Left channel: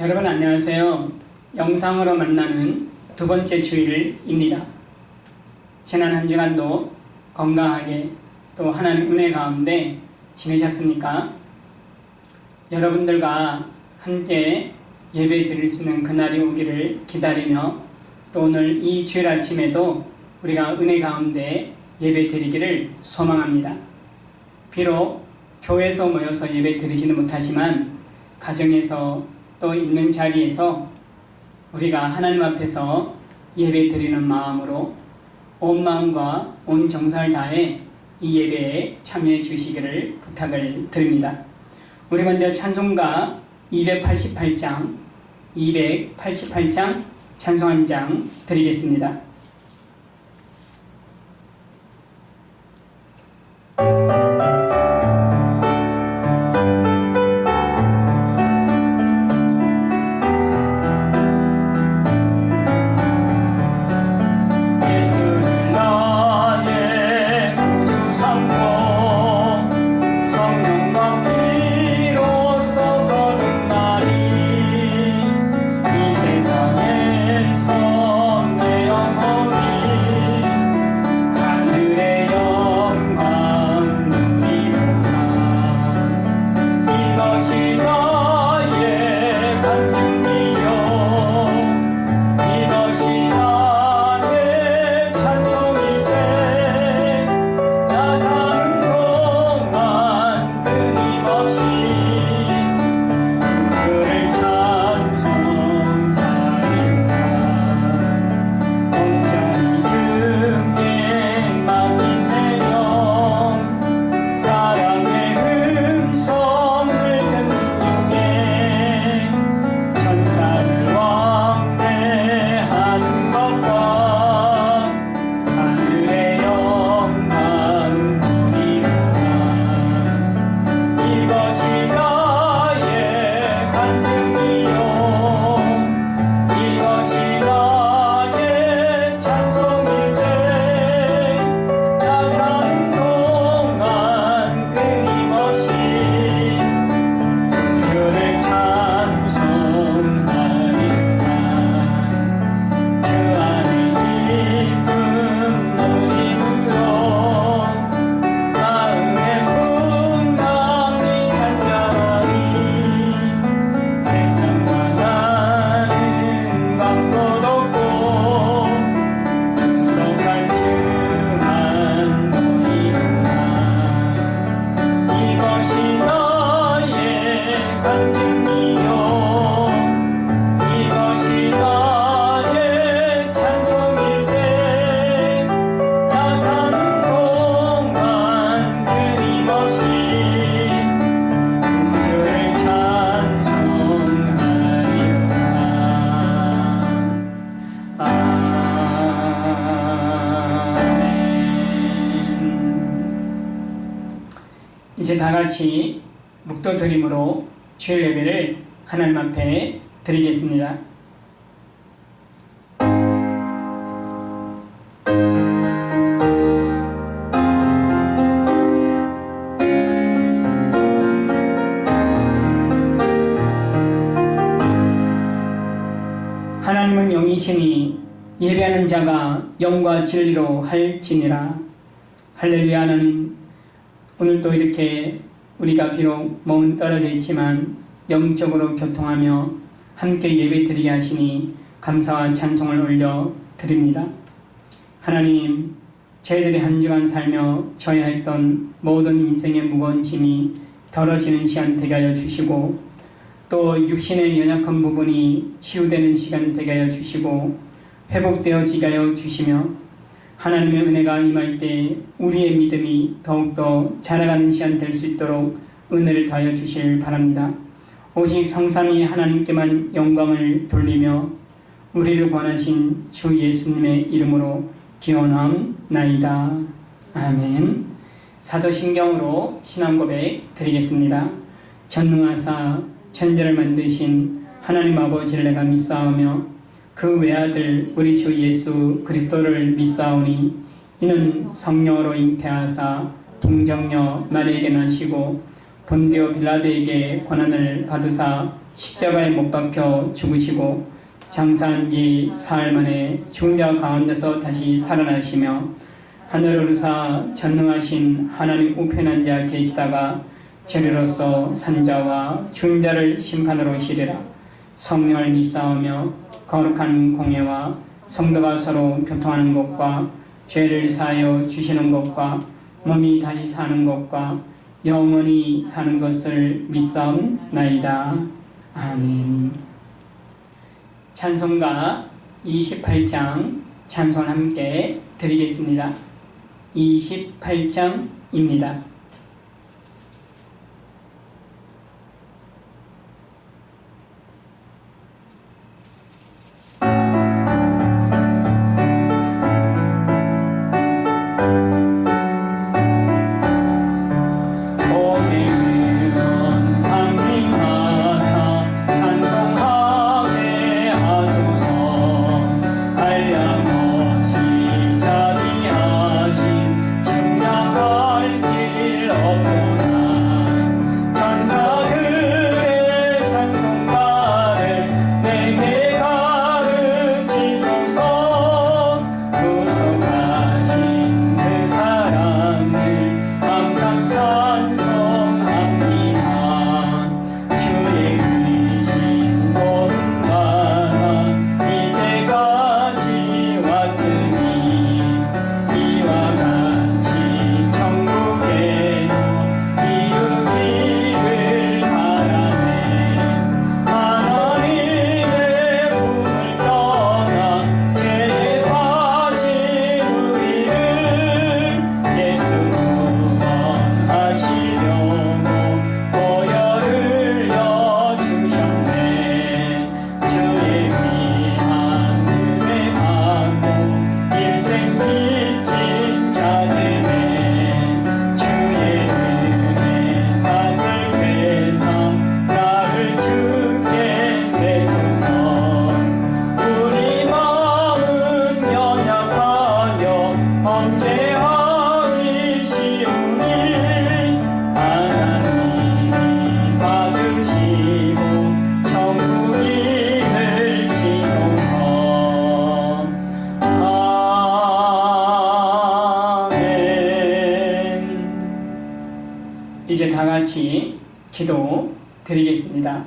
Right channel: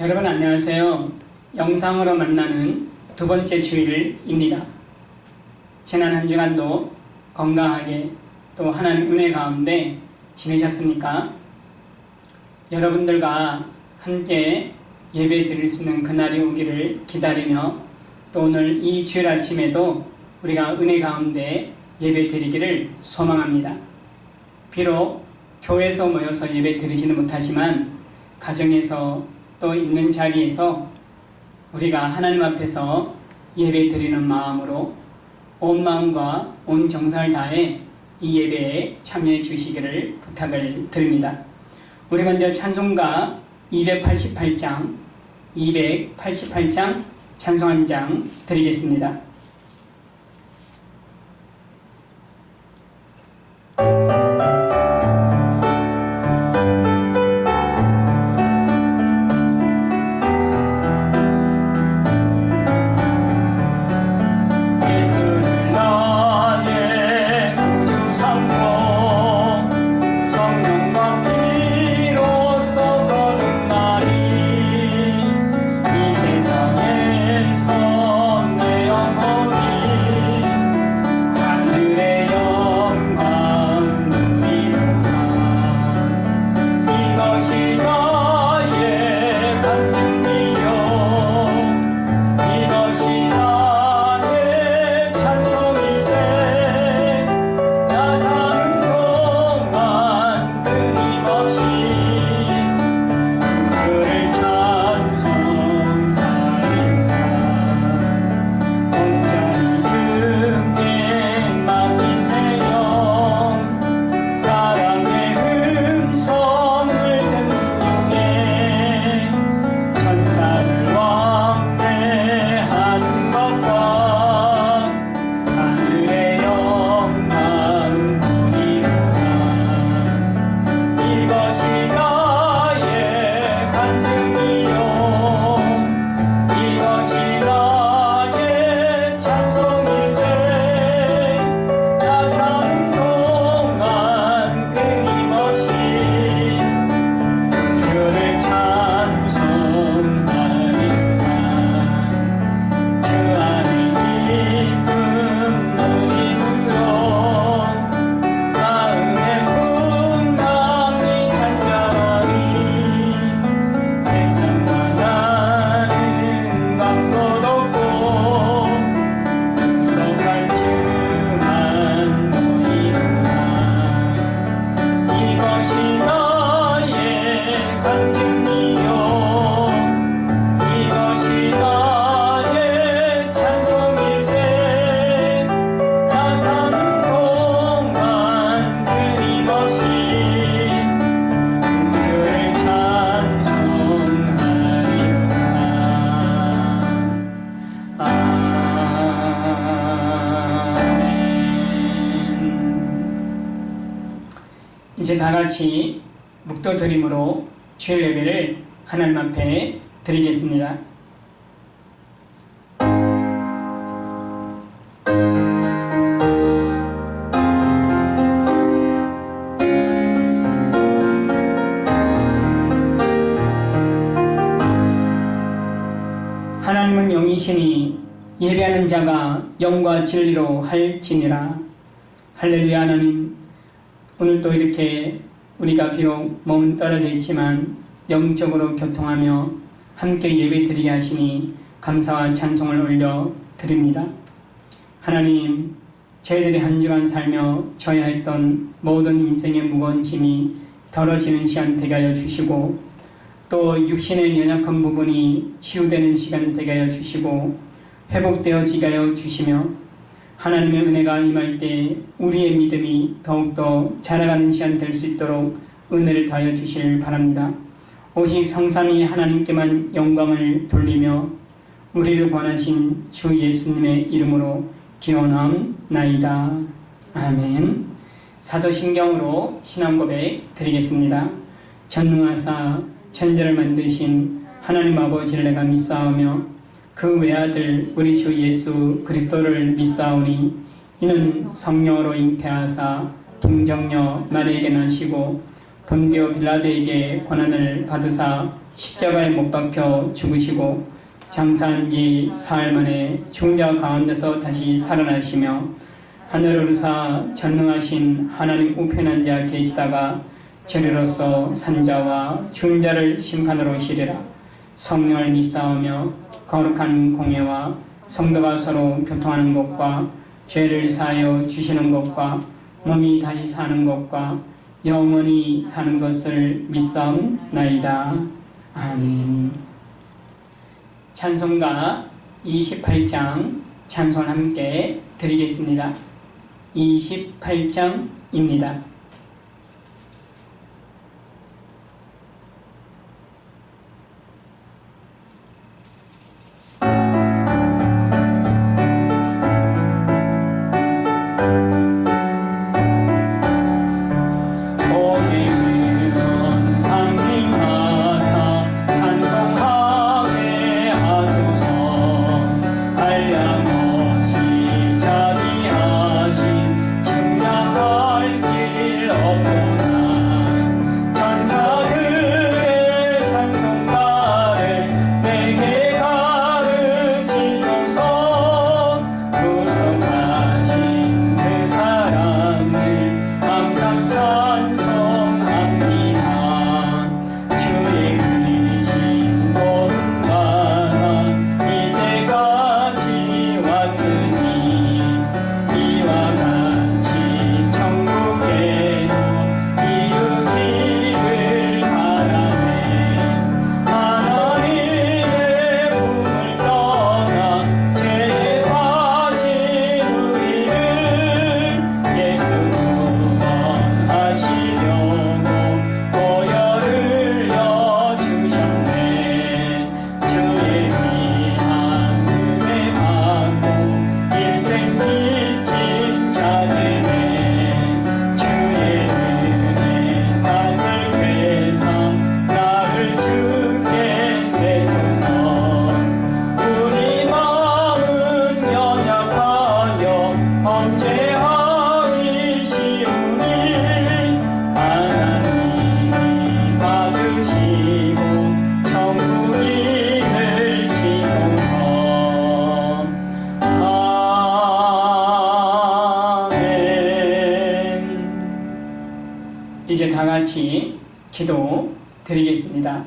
여러분 안녕하세요. 영상으로 만나는 두 번째 주일입니다. 지난 한 주간도 건강하게 또 하나님 은혜 가운데 지내셨습니까? 여러분들과 함께 예배 드릴 수 있는 그날이 오기를 기다리며 또 오늘 이 주일 아침에도 우리가 은혜 가운데 예배 드리기를 소망합니다. 비록 교회에서 모여서 예배 드리지는 못하지만 가정에서 또 있는 자리에서 우리가 하나님 앞에서 예배 드리는 마음으로 온 마음과 온 정성을 다해 이 예배에 참여해 주시기를 부탁을 드립니다. 우리 먼저 찬송가 288장 찬송 한 장 드리겠습니다. 이제 다같이 묵도드림으로 주일 예배를 하나님 앞에 드리겠습니다. 하나님은 영이시니 예배하는 자가 영과 진리로 할지니라. 할렐루야. 하나님, 오늘도 이렇게 우리가 비록 몸은 떨어져 있지만 영적으로 교통하며 함께 예배 드리게 하시니 감사와 찬송을 올려 드립니다. 하나님, 저희들이 한 주간 살며 져야 했던 모든 인생의 무거운 짐이 덜어지는 시간 되게 하여 주시고 또 육신의 연약한 부분이 치유되는 시간 되게 하여 주시고 회복되어지게 하여 주시며 하나님의 은혜가 임할 때 우리의 믿음이 더욱더 자라가는 시간 될 수 있도록 은혜를 더하여 주시길 바랍니다. 오직 성삼위 하나님께만 영광을 돌리며 우리를 구원하신 주 예수님의 이름으로 기원함나이다. 아멘. 사도신경으로 신앙고백 드리겠습니다. 전능하사 천지를 만드신 하나님 아버지를 내가 믿사오며 그 외아들 우리 주 예수 그리스도를 믿사오니 이는 성령으로 잉태하사 동정녀 마리아에게 나시고 본디오 빌라도에게 고난을 받으사 십자가에 못 박혀 죽으시고 장사한 지 사흘 만에 죽은 자 가운데서 다시 살아나시며 하늘을 우사 전능하신 하나님 우편에 앉아 계시다가 저리로서 산자와 죽은 자를 심판하러 오시리라. 성령을 믿사오며 거룩한 공예와 성도가 서로 교통하는 것과 죄를 사하여 주시는 것과 몸이 다시 사는 것과 영원히 사는 것을 믿사옵나이다. 아멘. 찬송가 28장 찬송 함께 드리겠습니다. 28장입니다. 이제 다 같이 기도 드리겠습니다.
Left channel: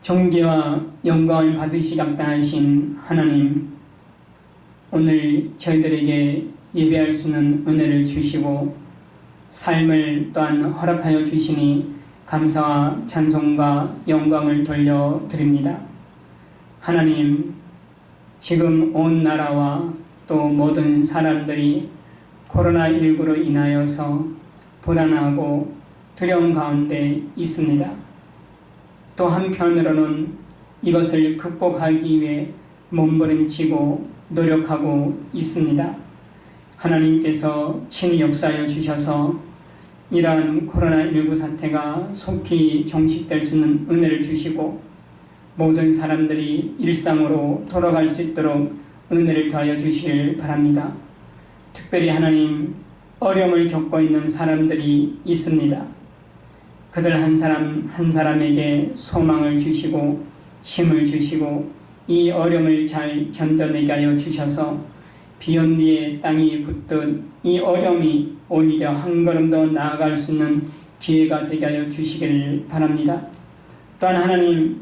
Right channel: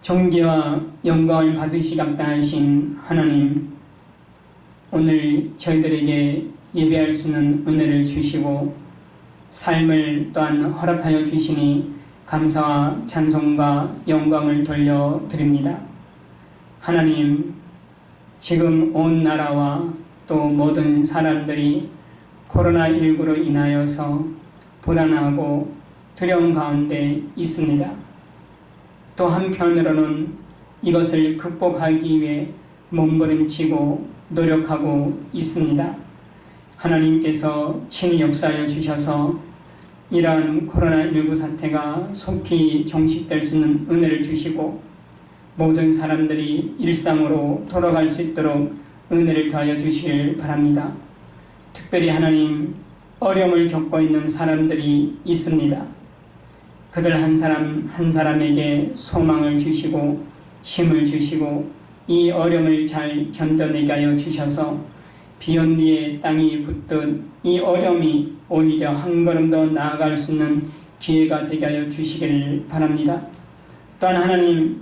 존귀와 영광을 받으시기 합당하신 하나님, 오늘 저희들에게 예배할 수 있는 은혜를 주시고 삶을 또한 허락하여 주시니 감사와 찬송과 영광을 돌려드립니다. 하나님, 지금 온 나라와 또 모든 사람들이 코로나19로 인하여서 불안하고 두려움 가운데 있습니다. 또 한편으로는 이것을 극복하기 위해 몸부림치고 노력하고 있습니다. 하나님께서 친히 역사하여 주셔서 이러한 코로나19 사태가 속히 종식될 수 있는 은혜를 주시고 모든 사람들이 일상으로 돌아갈 수 있도록 은혜를 더하여 주시길 바랍니다. 특별히 하나님, 어려움을 겪고 있는 사람들이 있습니다. 그들 한 사람 한 사람에게 소망을 주시고 힘을 주시고 이 어려움을 잘 견뎌내게 하여 주셔서 비온 뒤에 땅이 붙듯 이 어려움이 오히려 한 걸음 더 나아갈 수 있는 기회가 되게 하여 주시길 바랍니다. 또한 하나님,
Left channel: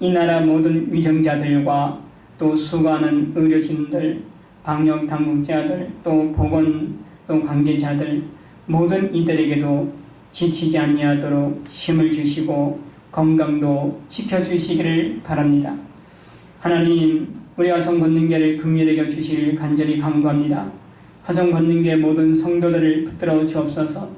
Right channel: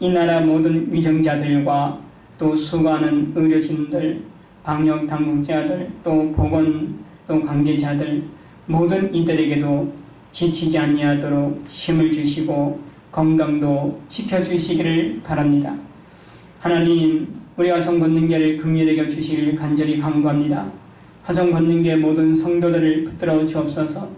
이 나라 모든 위정자들과 또 수고하는 의료진들, 방역당국자들, 또 보건 또 관계자들 모든 이들에게도 지치지 아니하도록 힘을 주시고 건강도 지켜주시기를 바랍니다. 하나님, 우리 화성권능교를 긍휼히 여겨 주시기를 간절히 간구합니다. 화성권능교의 모든 성도들을 붙들어 주옵소서.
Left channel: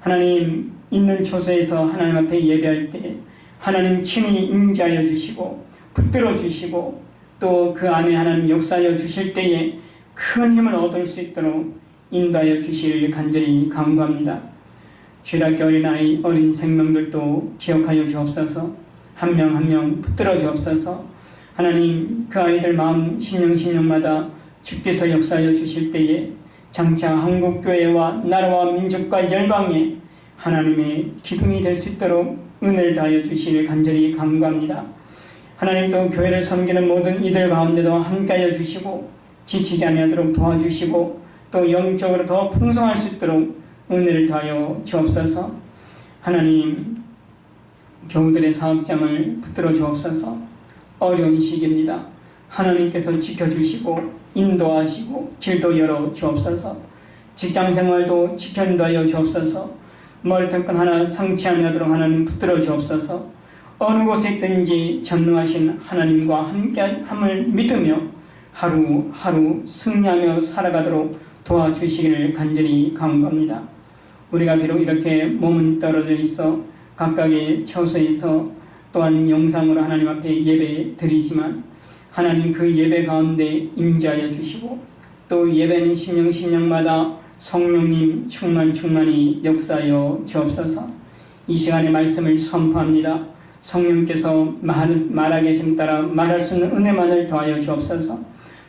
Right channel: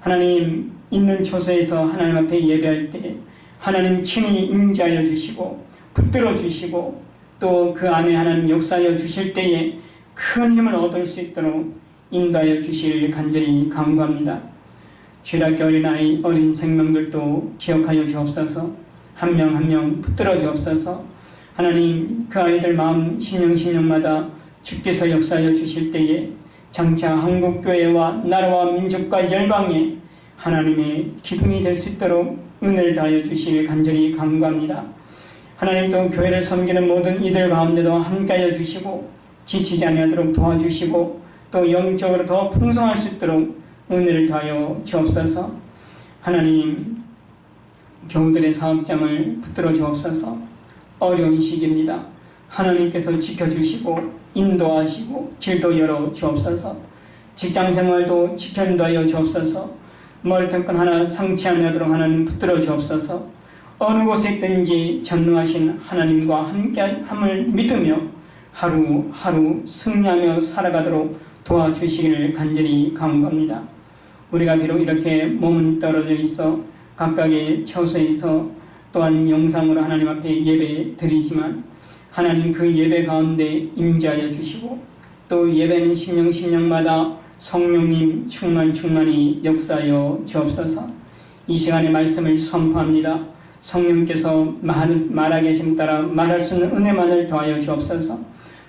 하나님, 있는 처소에서 하나님 앞에 예배할 때 하나님 친히 임재하여 주시고 붙들어 주시고 또 그 안에 하나님 역사하여 주실 때에 큰 힘을 얻을 수 있도록 인도하여 주시기를 간절히 간구합니다. 죄락의 어린아이 어린 생명들도 기억하여 주옵소서. 한 명 한 명 붙들어 주옵소서. 하나님, 그 아이들 마음 심령마다 주께서 역사하여 주실 때에 장차 한국교회와 나라와 민족과 열방에 하나님의 기둥이 될 수 있도록 은혜를 더하여 주시길 간절히 간구합니다. 하나님 또 교회를 섬기는 모든 이들 가운데도 함께하여 주시고 지치지 아니하도록 도와주시고 또 영적으로 더 풍성할 수 있도록 은혜를 더하여 주옵소서. 하나님 교우들의 사업장을 붙들어 주옵소서. 어려운 시기입니다. 하나님께서 지켜주시고 인도하시고 길도 열어 주옵소서. 직장생활도 지켜인도하여 주옵소서. 머리털건 하나 상치 않도록 하나님 붙들어 주옵소서. 어느 곳에 있든지 전능하신 하나님과 함께함을 믿으며 하루하루 승리하며 살아가도록 도와주시기를 간절히 간구합니다. 우리가 비록 이렇게 몸은 떨어져 있어 각각의 처소에서 또한 영상으로 하나님 앞에 예배 드리지만 하나님 그 예배 가운데 임재하여 주시고 또 예배는 심령마다 성령님 충만히 역사하여 주옵소서. 이 시간에 말씀을 선포합니다. 성령께서 말하게 하심 따라 말할 수 있는 은혜만을 더하여 주옵소서.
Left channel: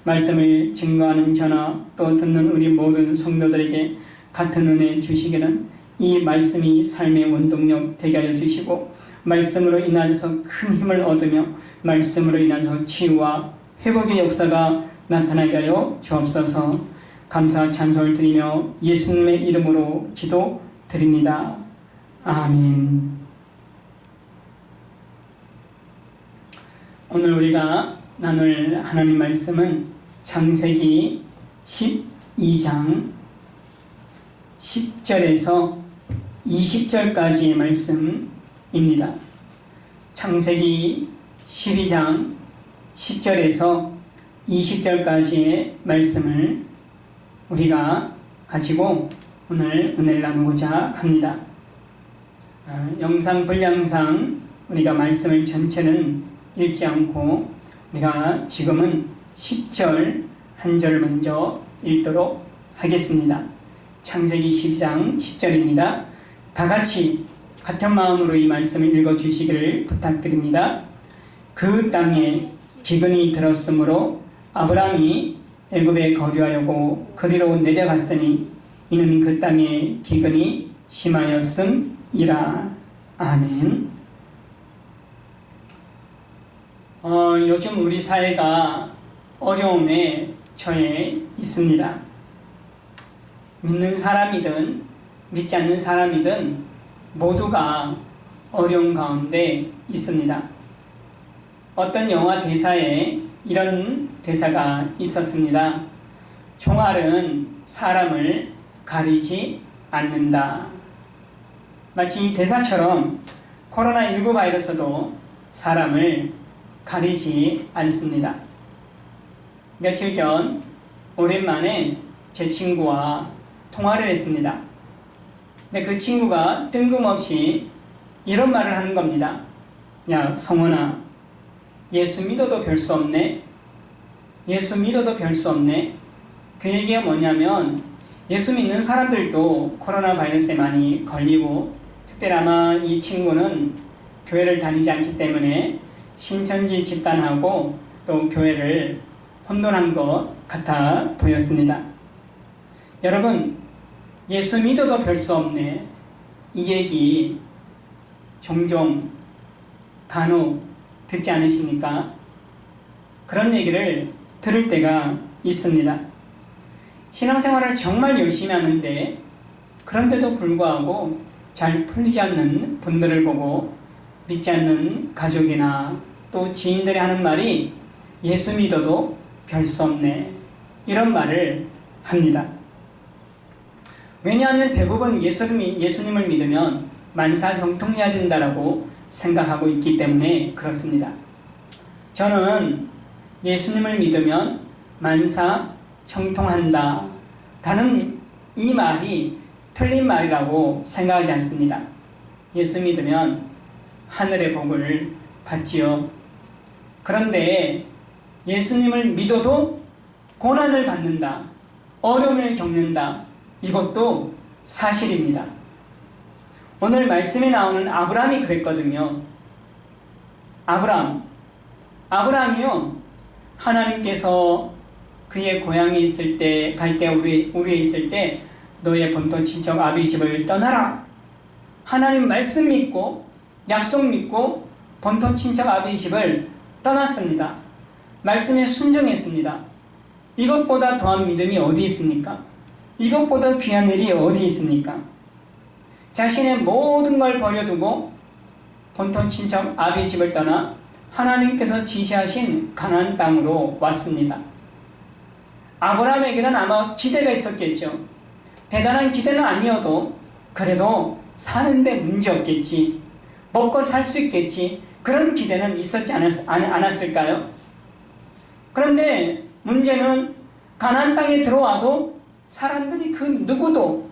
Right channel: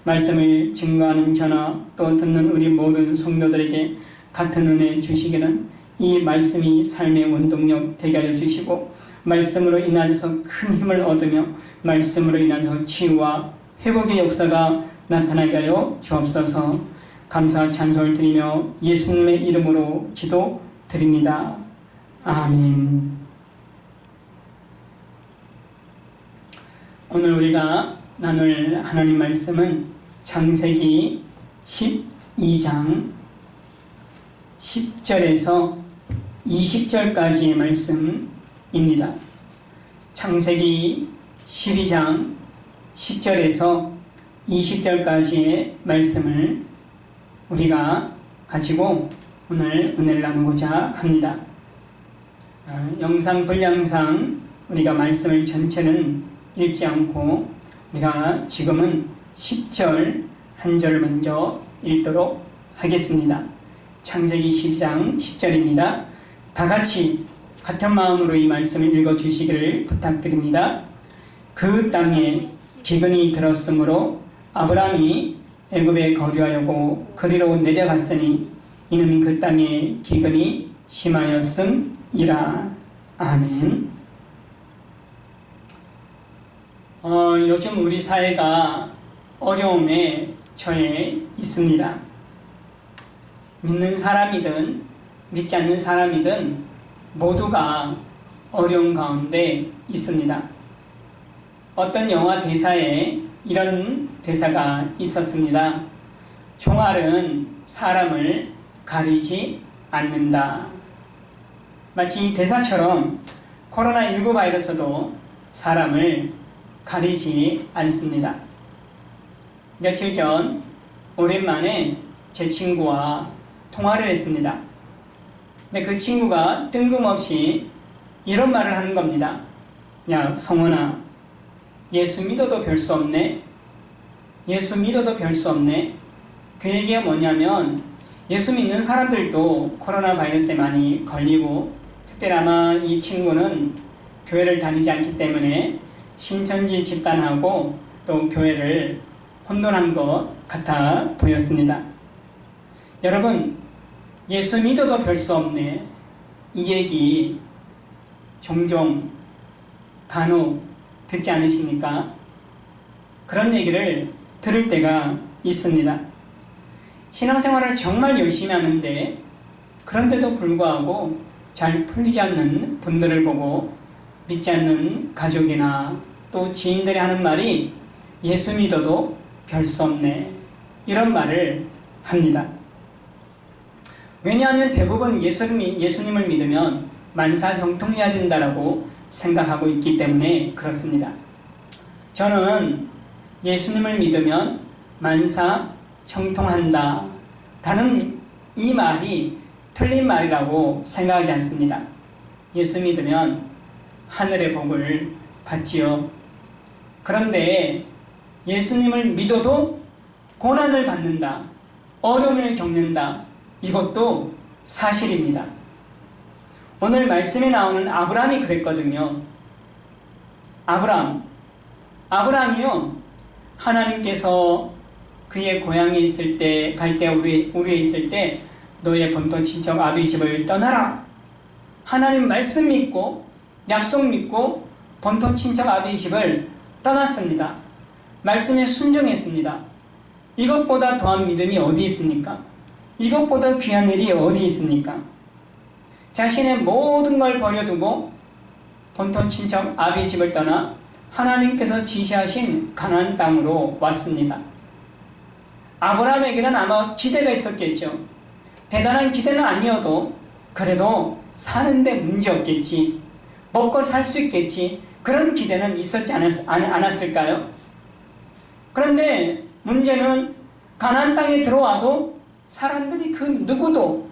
말씀을 증거하는 저나 또 듣는 우리 모든 성도들에게 같은 은혜 주시기는 이 말씀이 삶의 원동력 되게 하여 주시고 말씀으로 인하여서 큰 힘을 얻으며 말씀으로 인하여서 치유와 회복의 역사가 나타나게 하여 주옵소서. 감사 찬송을 드리며 예수님의 이름으로 기도드립니다. 아멘. 오늘 우리가 나눌 하나님 말씀은 창세기 12장 10절에서 20절까지의 말씀입니다. 창세기 12장 10절에서 20절까지의 말씀을 우리가 가지고 오늘 은혜를 나누고자 합니다. 영상 분량상 우리가 말씀을 전체는 읽지 않고 우리가 지금은 10절 한 절을 먼저 읽도록 하겠습니다. 창세기 12장 10절입니다. 다 같이 같은 마음으로 이 말씀을 읽어주시기를 부탁드립니다. 그 땅에 기근이 들었으므로 아브라함이 애굽에 거류하려고 그리로 내려갔으니 이는 그 땅에 기근이 심하였음이라. 아멘. 요즘 우리 사회가 어려움에 처해 있습니다. 믿는 사람이든 믿지 않는 사람이든 모두가 어려운 가운데 있습니다. 어떤 영화 대사에 이런 대사가 있었습니다. 총알은 사람을 가리지 않는다. 마치 이 대사처럼 코로나19 바이러스도 사람을 가리지 않습니다. 며칠 전 오랜만에 제 친구와 통화를 했습니다. 근데 그 친구가 뜬금없이 이런 말을 하는 겁니다. 야, 성원아, 예수 믿어도 별 수 없네. 예수 믿어도 별 수 없네. 그 얘기가 뭐냐면 예수 믿는 사람들도 코로나 바이러스에 많이 걸리고 특별히 아마 이 친구는 교회를 다니지 않기 때문에 신천지 집단하고 또 교회를 혼돈한 것 같아 보였습니다. 여러분, 예수 믿어도 별 수 없네. 이 얘기 종종 간혹 듣지 않으십니까? 그런 얘기를 들을 때가 있습니다. 신앙생활을 정말 열심히 하는데 그런데도 불구하고 잘 풀리지 않는 분들을 보고 믿지 않는 가족이나 또 지인들이 하는 말이 예수 믿어도 별 수 없네. 이런 말을 합니다. 왜냐하면 대부분 예수님을 믿으면 만사 형통해야 된다라고 생각하고 있기 때문에 그렇습니다. 저는 예수님을 믿으면 만사 형통한다 라는 이 말이 틀린 말이라고 생각하지 않습니다. 예수 믿으면 하늘의 복을 받지요. 그런데 예수님을 믿어도 고난을 받는다, 어려움을 겪는다, 이것도 사실입니다. 오늘 말씀에 나오는 아브라함이 그랬거든요. 아브라함이요, 하나님께서 그의 고향에 있을 때, 우리에 있을 때 너의 본토 친척 아비 집을 떠나라. 하나님 말씀 믿고 약속 믿고 본토 친척 아비의 집을 떠났습니다. 말씀에 순종했습니다. 이것보다 더한 믿음이 어디 있습니까? 이것보다 귀한 일이 어디 있습니까? 자신의 모든 걸 버려두고 본토 친척 아비의 집을 떠나 하나님께서 지시하신 가나안 땅으로 왔습니다. 아브라함에게는 아마 기대가 있었겠죠. 대단한 기대는 아니어도 그래도 사는데 문제 없겠지, 먹고 살 수 있겠지, 그런 기대는 있었지 않았을까요? 그런데 문제는 가나안 땅에 들어와도 사람들이 그 누구도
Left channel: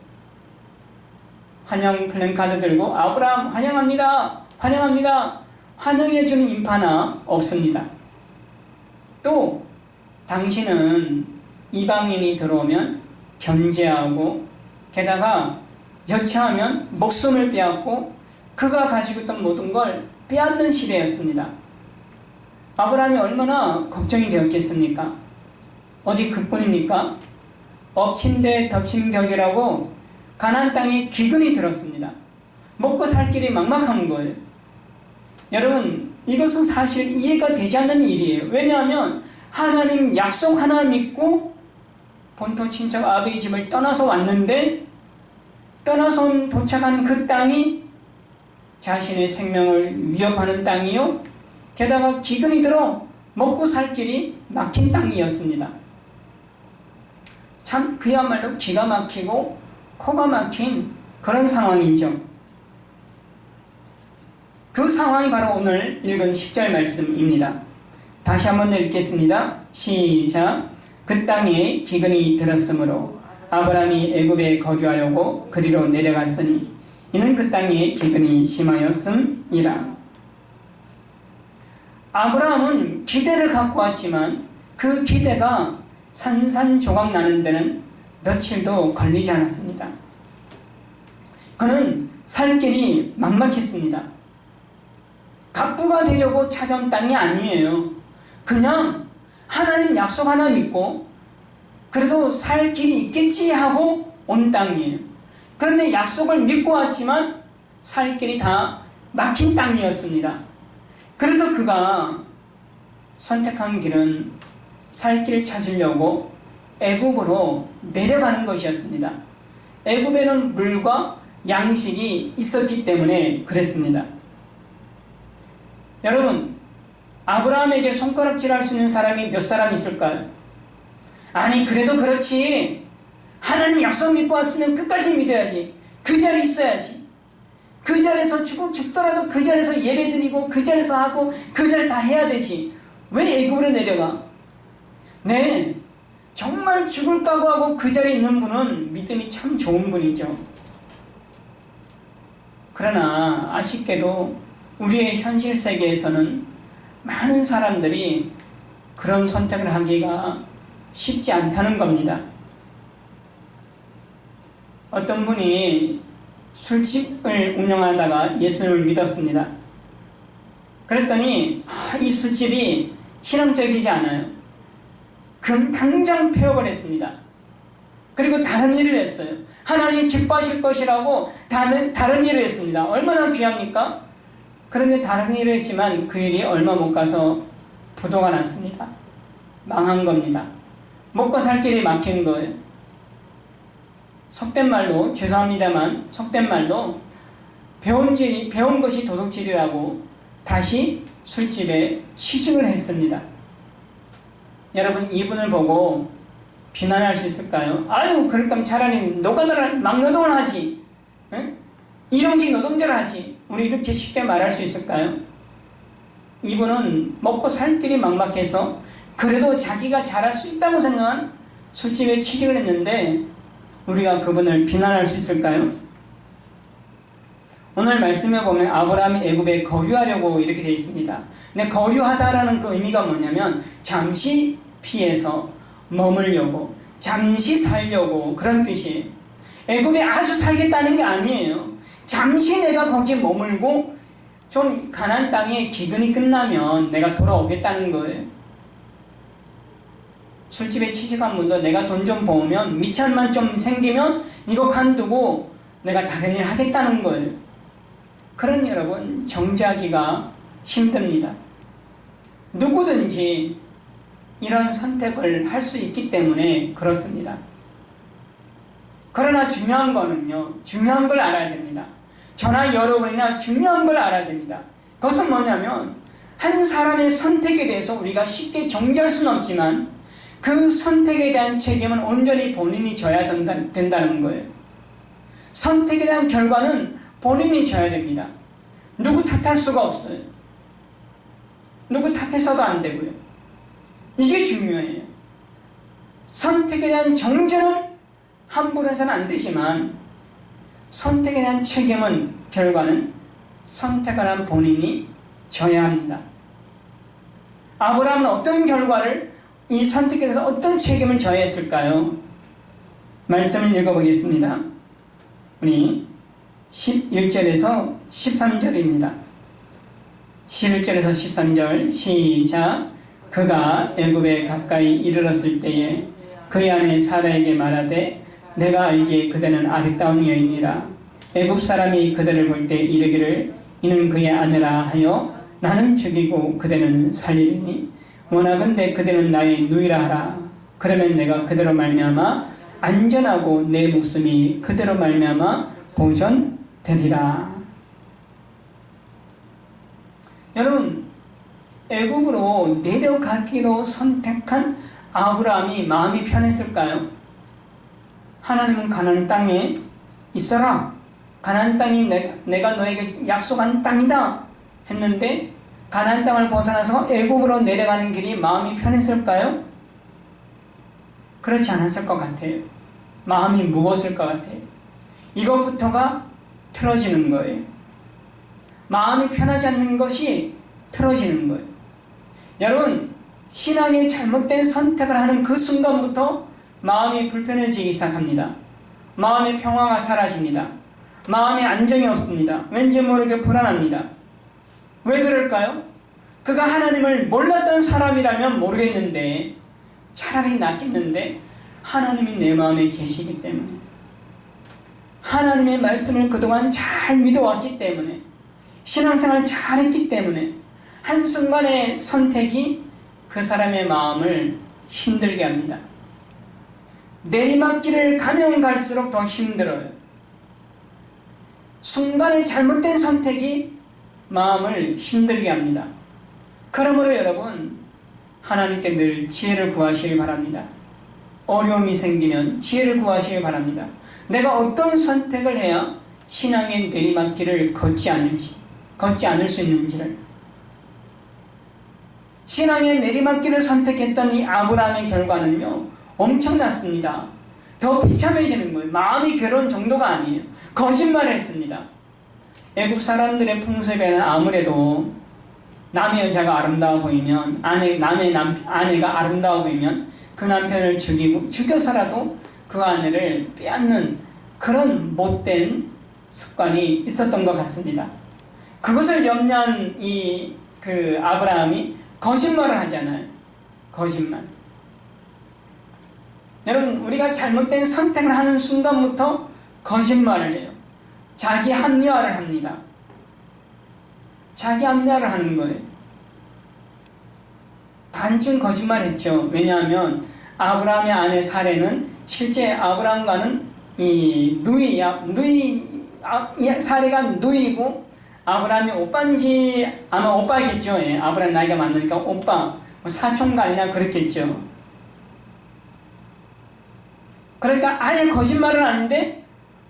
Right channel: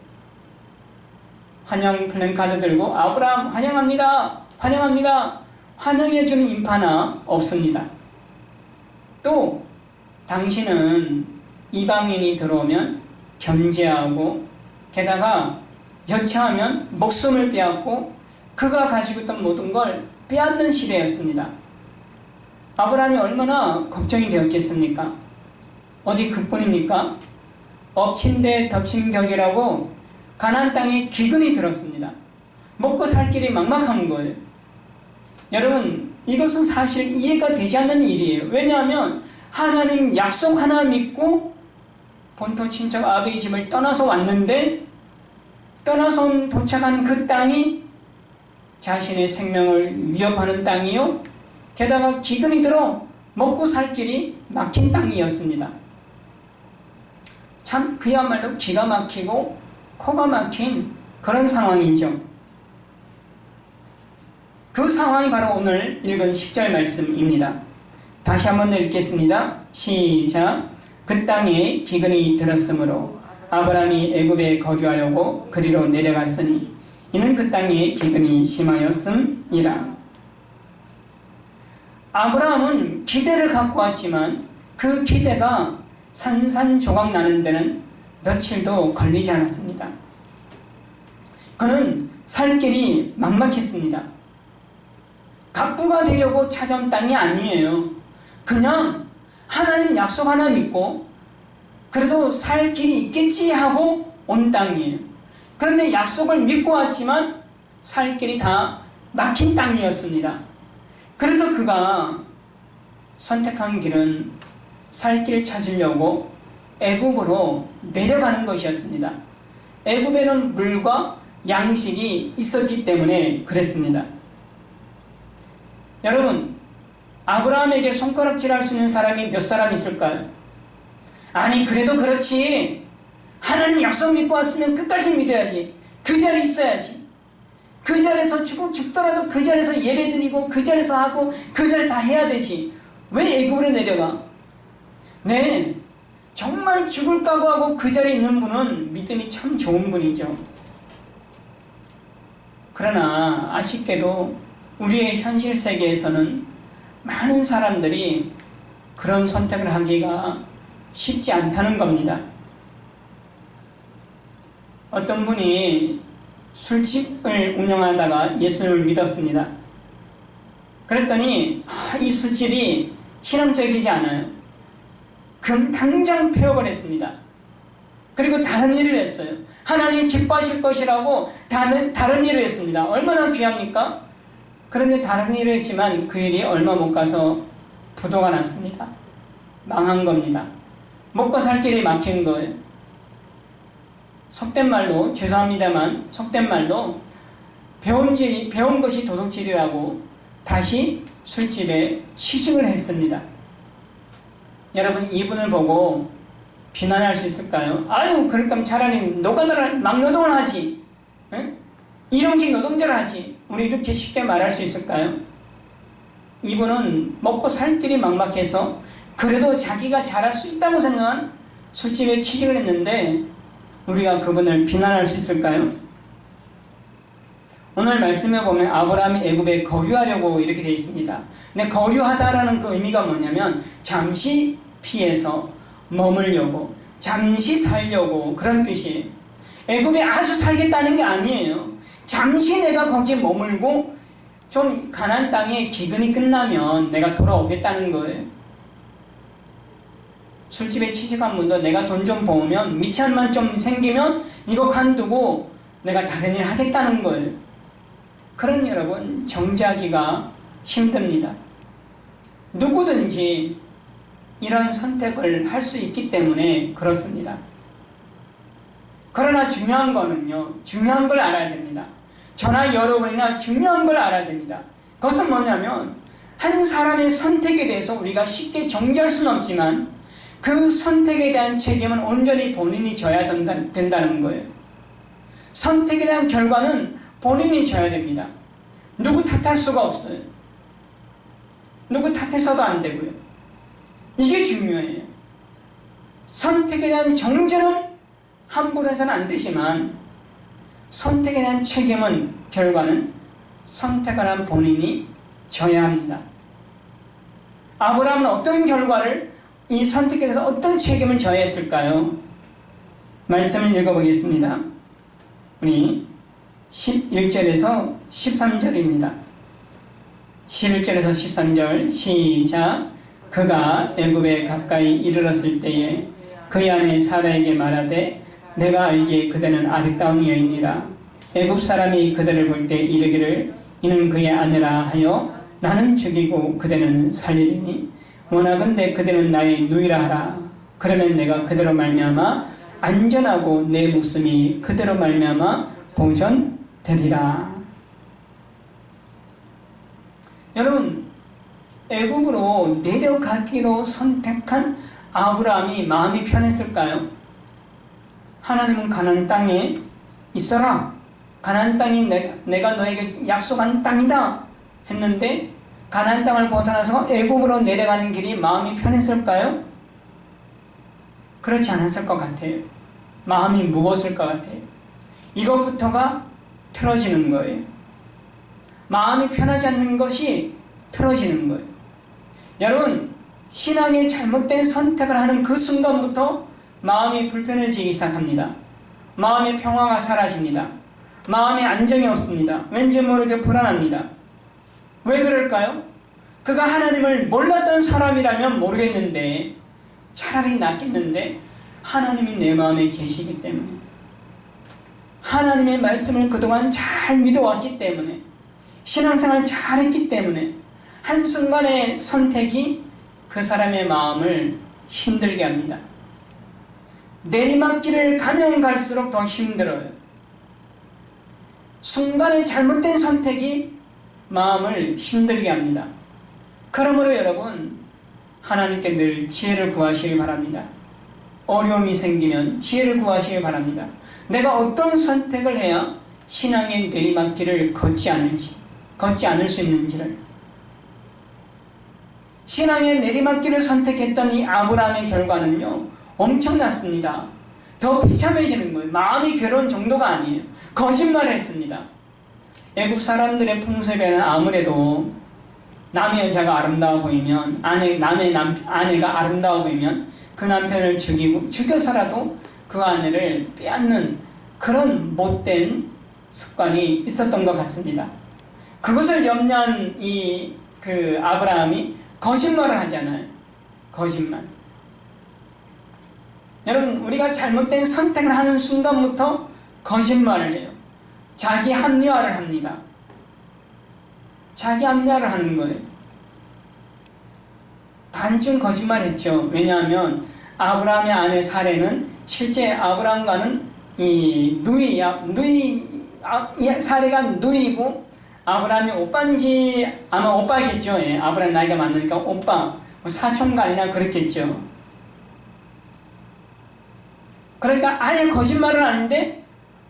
환영 플랜카드 들고 아브라함 환영합니다, 환영합니다, 환영해주는 인파나 없습니다. 또 당신은 이방인이 들어오면 견제하고 게다가 여차하면 목숨을 빼앗고 그가 가지고 있던 모든 걸 빼앗는 시대였습니다. 아브라함이 얼마나 걱정이 되었겠습니까? 어디 그뿐입니까? 엎친 데 덮친 격이라고 가나안 땅에 기근이 들었습니다. 먹고 살 길이 막막한 거예요. 여러분, 이것은 사실 이해가 되지 않는 일이에요. 왜냐하면 하나님 약속 하나 믿고 본토 친척 아비의 집을 떠나서 왔는데, 떠나서 도착한 그 땅이 자신의 생명을 위협하는 땅이요, 게다가 기근이 들어 먹고 살 길이 막힌 땅이었습니다. 참 그야말로 기가 막히고 코가 막힌 그런 상황이죠. 그 상황이 바로 오늘 읽은 10절 말씀입니다. 다시 한번 읽겠습니다. 시작. 그 땅에 기근이 들었으므로 아브라함이 애굽에 거주하려고 그리로 내려갔으니 이는 그 땅에 기근이 심하였음이라. 아브라함은 기대를 갖고 왔지만 그 기대가 산산조각 나는 데는 며칠도 걸리지 않았습니다. 그는 살 길이 막막했습니다. 갑부가 되려고 찾아온 땅이 아니에요. 그냥 하나님 약속 하나 믿고 그래도 살 길이 있겠지 하고 온 땅이에요. 그런데 약속을 믿고 왔지만 살 길이 다 막힌 땅이었습니다. 그래서 그가 선택한 길은 살 길 찾으려고 애굽으로 내려가는 것이었습니다. 애굽에는 물과 양식이 있었기 때문에 그랬습니다. 여러분, 아브라함에게 손가락질할 수 있는 사람이 몇 사람 있을까요? 아니, 그래도 그렇지, 하나님 약속 믿고 왔으면 끝까지 믿어야지, 그 자리에 있어야지, 그 자리에서 죽더라도 그 자리에서 예배드리고 그 자리에서 하고 그 자리를 다 해야 되지, 왜 애굽으로 내려가? 네, 정말 죽을 각오하고 그 자리에 있는 분은 믿음이 참 좋은 분이죠. 그러나 아쉽게도 우리의 현실 세계에서는 많은 사람들이 그런 선택을 하기가 쉽지 않다는 겁니다. 어떤 분이 술집을 운영하다가 예수님을 믿었습니다. 그랬더니 이 술집이 신앙적이지 않아요. 그럼 당장 폐업을 했습니다. 그리고 다른 일을 했어요. 하나님 기뻐하실 것이라고 다른 일을 했습니다. 얼마나 귀합니까? 그런데 다른 일을 했지만 그 일이 얼마 못 가서 부도가 났습니다. 망한 겁니다. 먹고 살 길이 막힌 거예요. 속된 말로, 죄송합니다만 속된 말로 배운 것이 도둑질이라고 다시 술집에 취직을 했습니다. 여러분, 이분을 보고 비난할 수 있을까요? 아유, 그럴 거면 차라리 노가다를 막노동을 하지, 응? 일용직 노동자를 하지, 우리 이렇게 쉽게 말할 수 있을까요? 이분은 먹고 살 길이 막막해서 그래도 자기가 잘할 수 있다고 생각한 술집에 취직을 했는데 우리가 그분을 비난할 수 있을까요? 오늘 말씀에 보면 아브라함이 애굽에 거류하려고 이렇게 되어 있습니다. 근데 거류하다라는 그 의미가 뭐냐면 잠시 피해서 머물려고, 잠시 살려고, 그런 뜻이에요. 애굽에 아주 살겠다는 게 아니에요. 잠시 내가 거기에 머물고 좀 가나안 땅에 기근이 끝나면 내가 돌아오겠다는 거예요. 술집에 취직한 분도 내가 돈 좀 모으면, 미천만 좀 생기면 이거 관두고 내가 다른 일 하겠다는 거예요. 그런 여러분 정지하기가 힘듭니다. 누구든지 이런 선택을 할 수 있기 때문에 그렇습니다. 그러나 중요한 거는요, 중요한 걸 알아야 됩니다. 저나 여러분이나 중요한 걸 알아야 됩니다. 그것은 뭐냐면 한 사람의 선택에 대해서 우리가 쉽게 정지할 수는 없지만 그 선택에 대한 책임은 온전히 본인이 져야 된다는 거예요. 선택에 대한 결과는 본인이 져야 됩니다. 누구 탓할 수가 없어요. 누구 탓해서도 안 되고요. 이게 중요해요. 선택에 대한 정죄는 함부로 해서는 안 되지만 선택에 대한 책임은, 결과는 선택을 한 본인이 져야 합니다. 아브라함은 어떤 결과를, 이 선택에 대해서 어떤 책임을 져야 했을까요? 말씀을 읽어보겠습니다. 우리 11절에서 13절입니다. 11절에서 13절 시작. 그가 애굽에 가까이 이르렀을 때에 그의 아내 사라에게 말하되 내가 알기에 그대는 아름다운 여인이라. 애굽 사람이 그대를 볼 때 이르기를 이는 그의 아내라 하여 나는 죽이고 그대는 살리리니 원하건대 그대는 나의 누이라 하라. 그러면 내가 그대로 말미암아 안전하고 내 목숨이 그대로 말미암아 보존되리라. 여러분, 애굽으로 내려가기로 선택한 아브라함이 마음이 편했을까요? 하나님은 가나안 땅에 있어라. 가나안 땅이 내가 너에게 약속한 땅이다 했는데 가나안 땅을 벗어나서 애굽으로 내려가는 길이 마음이 편했을까요? 그렇지 않았을 것 같아요. 마음이 무거웠을 것 같아요. 이것부터가 틀어지는 거예요. 마음이 편하지 않는 것이 틀어지는 거예요. 여러분, 신앙의 잘못된 선택을 하는 그 순간부터 마음이 불편해지기 시작합니다. 마음의 평화가 사라집니다. 마음의 안정이 없습니다. 왠지 모르게 불안합니다. 왜 그럴까요? 그가 하나님을 몰랐던 사람이라면 모르겠는데, 차라리 낫겠는데 하나님이 내 마음에 계시기 때문에, 하나님의 말씀을 그동안 잘 믿어왔기 때문에, 신앙생활 잘했기 때문에 한순간의 선택이 그 사람의 마음을 힘들게 합니다. 내리막길을 가면 갈수록 더 힘들어요. 순간의 잘못된 선택이 마음을 힘들게 합니다. 그러므로 여러분, 하나님께 늘 지혜를 구하시길 바랍니다. 어려움이 생기면 지혜를 구하시길 바랍니다. 내가 어떤 선택을 해야 신앙의 내리막길을 걷지 않을 수 있는지를. 신앙의 내리막길을 선택했던 이 아브라함의 결과는요, 엄청났습니다. 더 비참해지는 거예요. 마음이 괴로운 정도가 아니에요. 거짓말을 했습니다. 애굽 사람들의 풍습에는 아무래도 남의 여자가 아름다워 보이면, 남의 아내가 아름다워 보이면 그 남편을 죽여서라도 그 아내를 빼앗는 그런 못된 습관이 있었던 것 같습니다. 그것을 염려한 그 아브라함이 거짓말을 하잖아요. 거짓말. 여러분, 우리가 잘못된 선택을 하는 순간부터 거짓말을 해요. 자기 합리화를 합니다. 자기 합리화를 하는 거예요. 반쯤 거짓말했죠. 왜냐하면 아브라함의 아내 사레는 실제 아브라함과는 사레가 누이고 아브라함이 오빠인지 아마 오빠겠죠. 예, 아브라함 나이가 많으니까 오빠, 사촌간이나 그렇겠죠. 그러니까 아예 거짓말을 하는데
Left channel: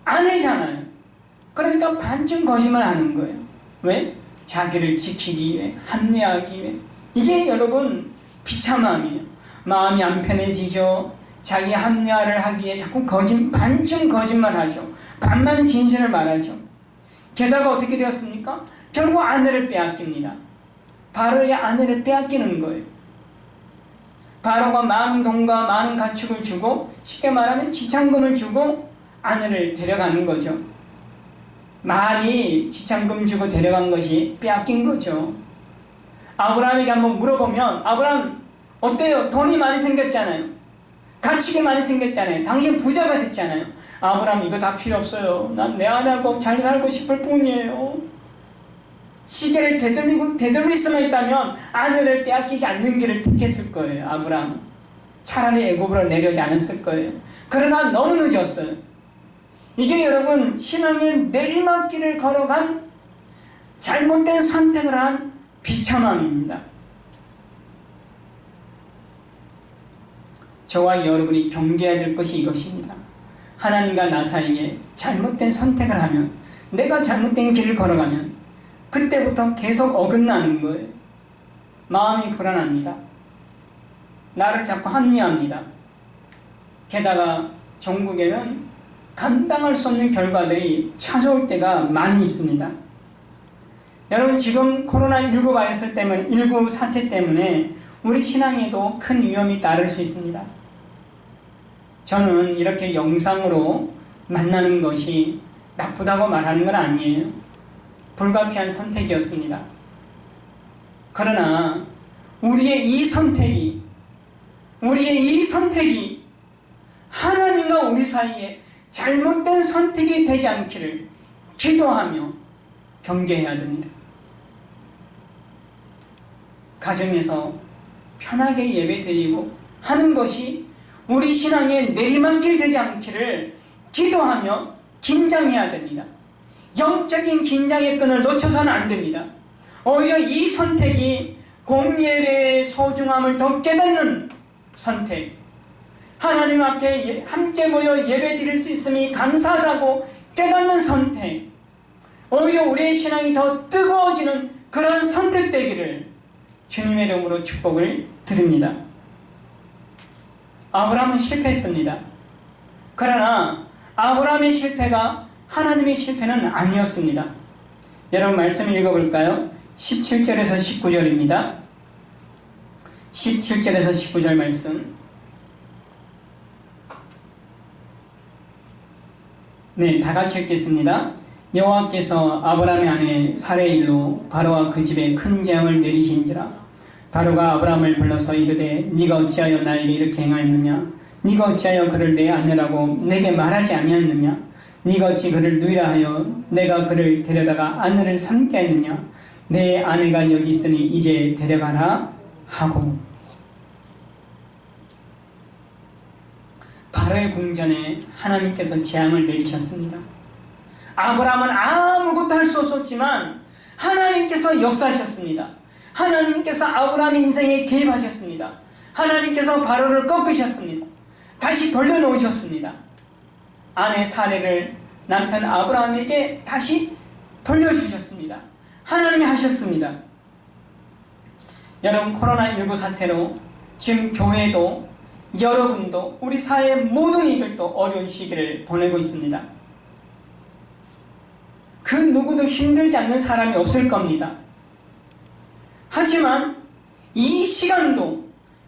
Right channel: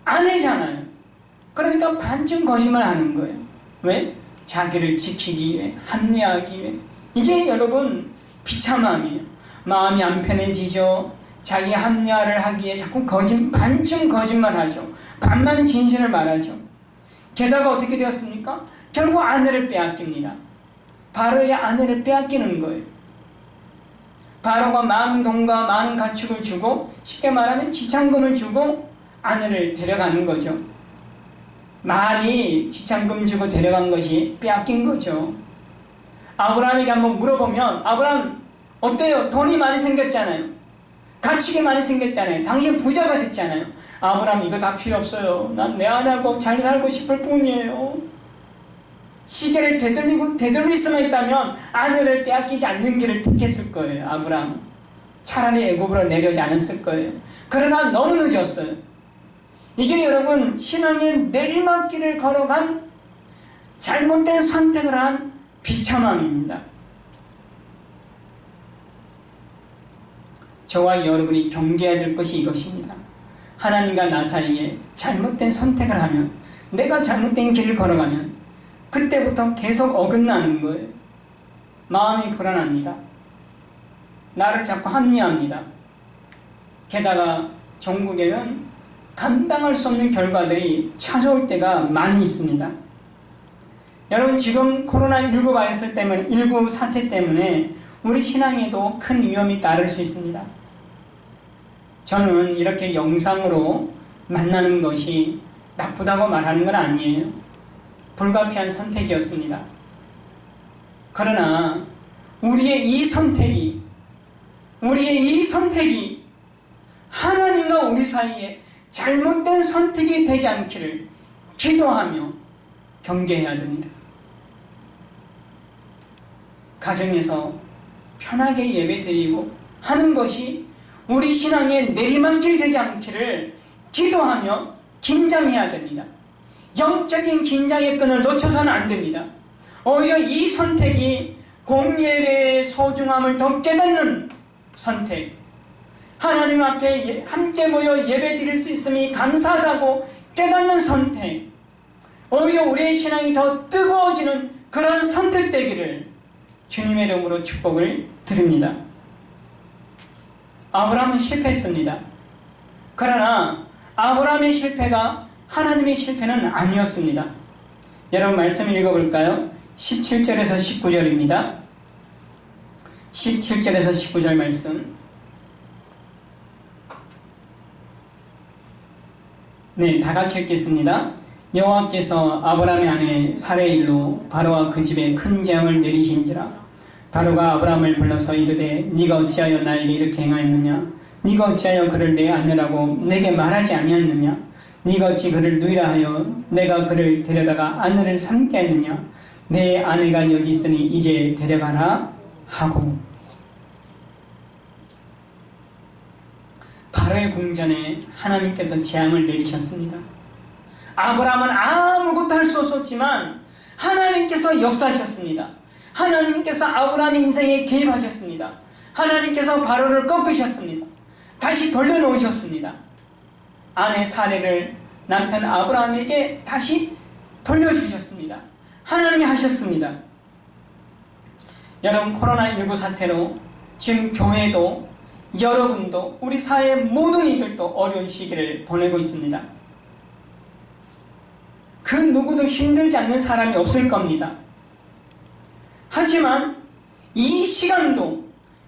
아내잖아요. 그러니까 반쯤 거짓말 하는 거예요. 왜? 자기를 지키기 위해, 합리화하기 위해. 이게 여러분 비참함이에요. 마음이 안 편해지죠. 자기 합리화를 하기에 자꾸 반쯤 거짓말하죠. 반만 진실을 말하죠. 게다가 어떻게 되었습니까? 결국 아내를 빼앗깁니다. 바로의 아내를 빼앗기는 거예요. 바로가 많은 돈과 많은 가축을 주고, 쉽게 말하면 지참금을 주고 아내를 데려가는 거죠. 말이 지참금 주고 데려간 것이 빼앗긴 거죠. 아브라함에게 한번 물어보면, 아브라함 어때요? 돈이 많이 생겼잖아요. 가축이 많이 생겼잖아요. 당신 부자가 됐잖아요. 아브라함 이거 다 필요 없어요. 난 내 아내하고 잘 살고 싶을 뿐이에요. 시계를 되돌릴 수만 있다면 아내를 빼앗기지 않는 길을 택했을 거예요. 아브라함 차라리 애굽으로 내려오지 않았을 거예요. 그러나 너무 늦었어요. 이게 여러분 신앙의 내리막길을 걸어간 잘못된 선택을 한 비참함입니다. 저와 여러분이 경계해야 될 것이 이것입니다. 하나님과 나 사이에 잘못된 선택을 하면, 내가 잘못된 길을 걸어가면 그때부터 계속 어긋나는 거예요. 마음이 불안합니다. 나를 자꾸 합리화합니다. 게다가 전국에는 감당할 수 없는 결과들이 찾아올 때가 많이 있습니다. 여러분 지금 코로나19 바이러스 때문에, 19 사태 때문에 우리 신앙에도 큰 위험이 따를 수 있습니다. 저는 이렇게 영상으로 만나는 것이 나쁘다고 말하는 건 아니에요. 불가피한 선택이었습니다. 그러나 우리의 이 선택이 하나님과 우리 사이에 잘못된 선택이 되지 않기를 기도하며 경계해야 됩니다. 가정에서 편하게 예배드리고 하는 것이 우리 신앙의 내리막길 되지 않기를 기도하며 긴장해야 됩니다. 영적인 긴장의 끈을 놓쳐서는 안 됩니다. 오히려 이 선택이 공예배의 소중함을 더 깨닫는 선택, 하나님 앞에 함께 모여 예배 드릴 수 있음이 감사하다고 깨닫는 선택, 오히려 우리의 신앙이 더 뜨거워지는 그런 선택되기를 주님의 이름으로 축복을 드립니다. 아브라함은 실패했습니다. 그러나 아브라함의 실패가 하나님의 실패는 아니었습니다. 여러분 말씀 읽어볼까요? 17절에서 19절입니다. 17절에서 19절 말씀. 네, 다 같이 읽겠습니다. 여호와께서 아브라함의 아내 사레의 일로 바로와 그 집에 큰 재앙을 내리신지라. 바로가 아브라함을 불러서 이르되 네가 어찌하여 나에게 이렇게 행하였느냐? 네가 어찌하여 그를 내 아내라고 내게 말하지 아니하였느냐? 네가 어찌 그를 누이라 하여 내가 그를 데려다가 아내를 삼게 했느냐? 내 아내가 여기 있으니 이제 데려가라 하고. 바로의 궁전에 하나님께서 재앙을 내리셨습니다. 아브라함은 아무것도 할 수 없었지만 하나님께서 역사하셨습니다. 하나님께서 아브라함의 인생에 개입하셨습니다. 하나님께서 바로를 꺾으셨습니다. 다시 돌려놓으셨습니다. 아내 사레를 남편 아브라함에게 다시 돌려주셨습니다. 하나님이 하셨습니다. 여러분 코로나19 사태로 지금 교회도 여러분도 우리 사회의 모든 이들도 어려운 시기를 보내고 있습니다. 그 누구도 힘들지 않는 사람이 없을 겁니다. 하지만 이 시간도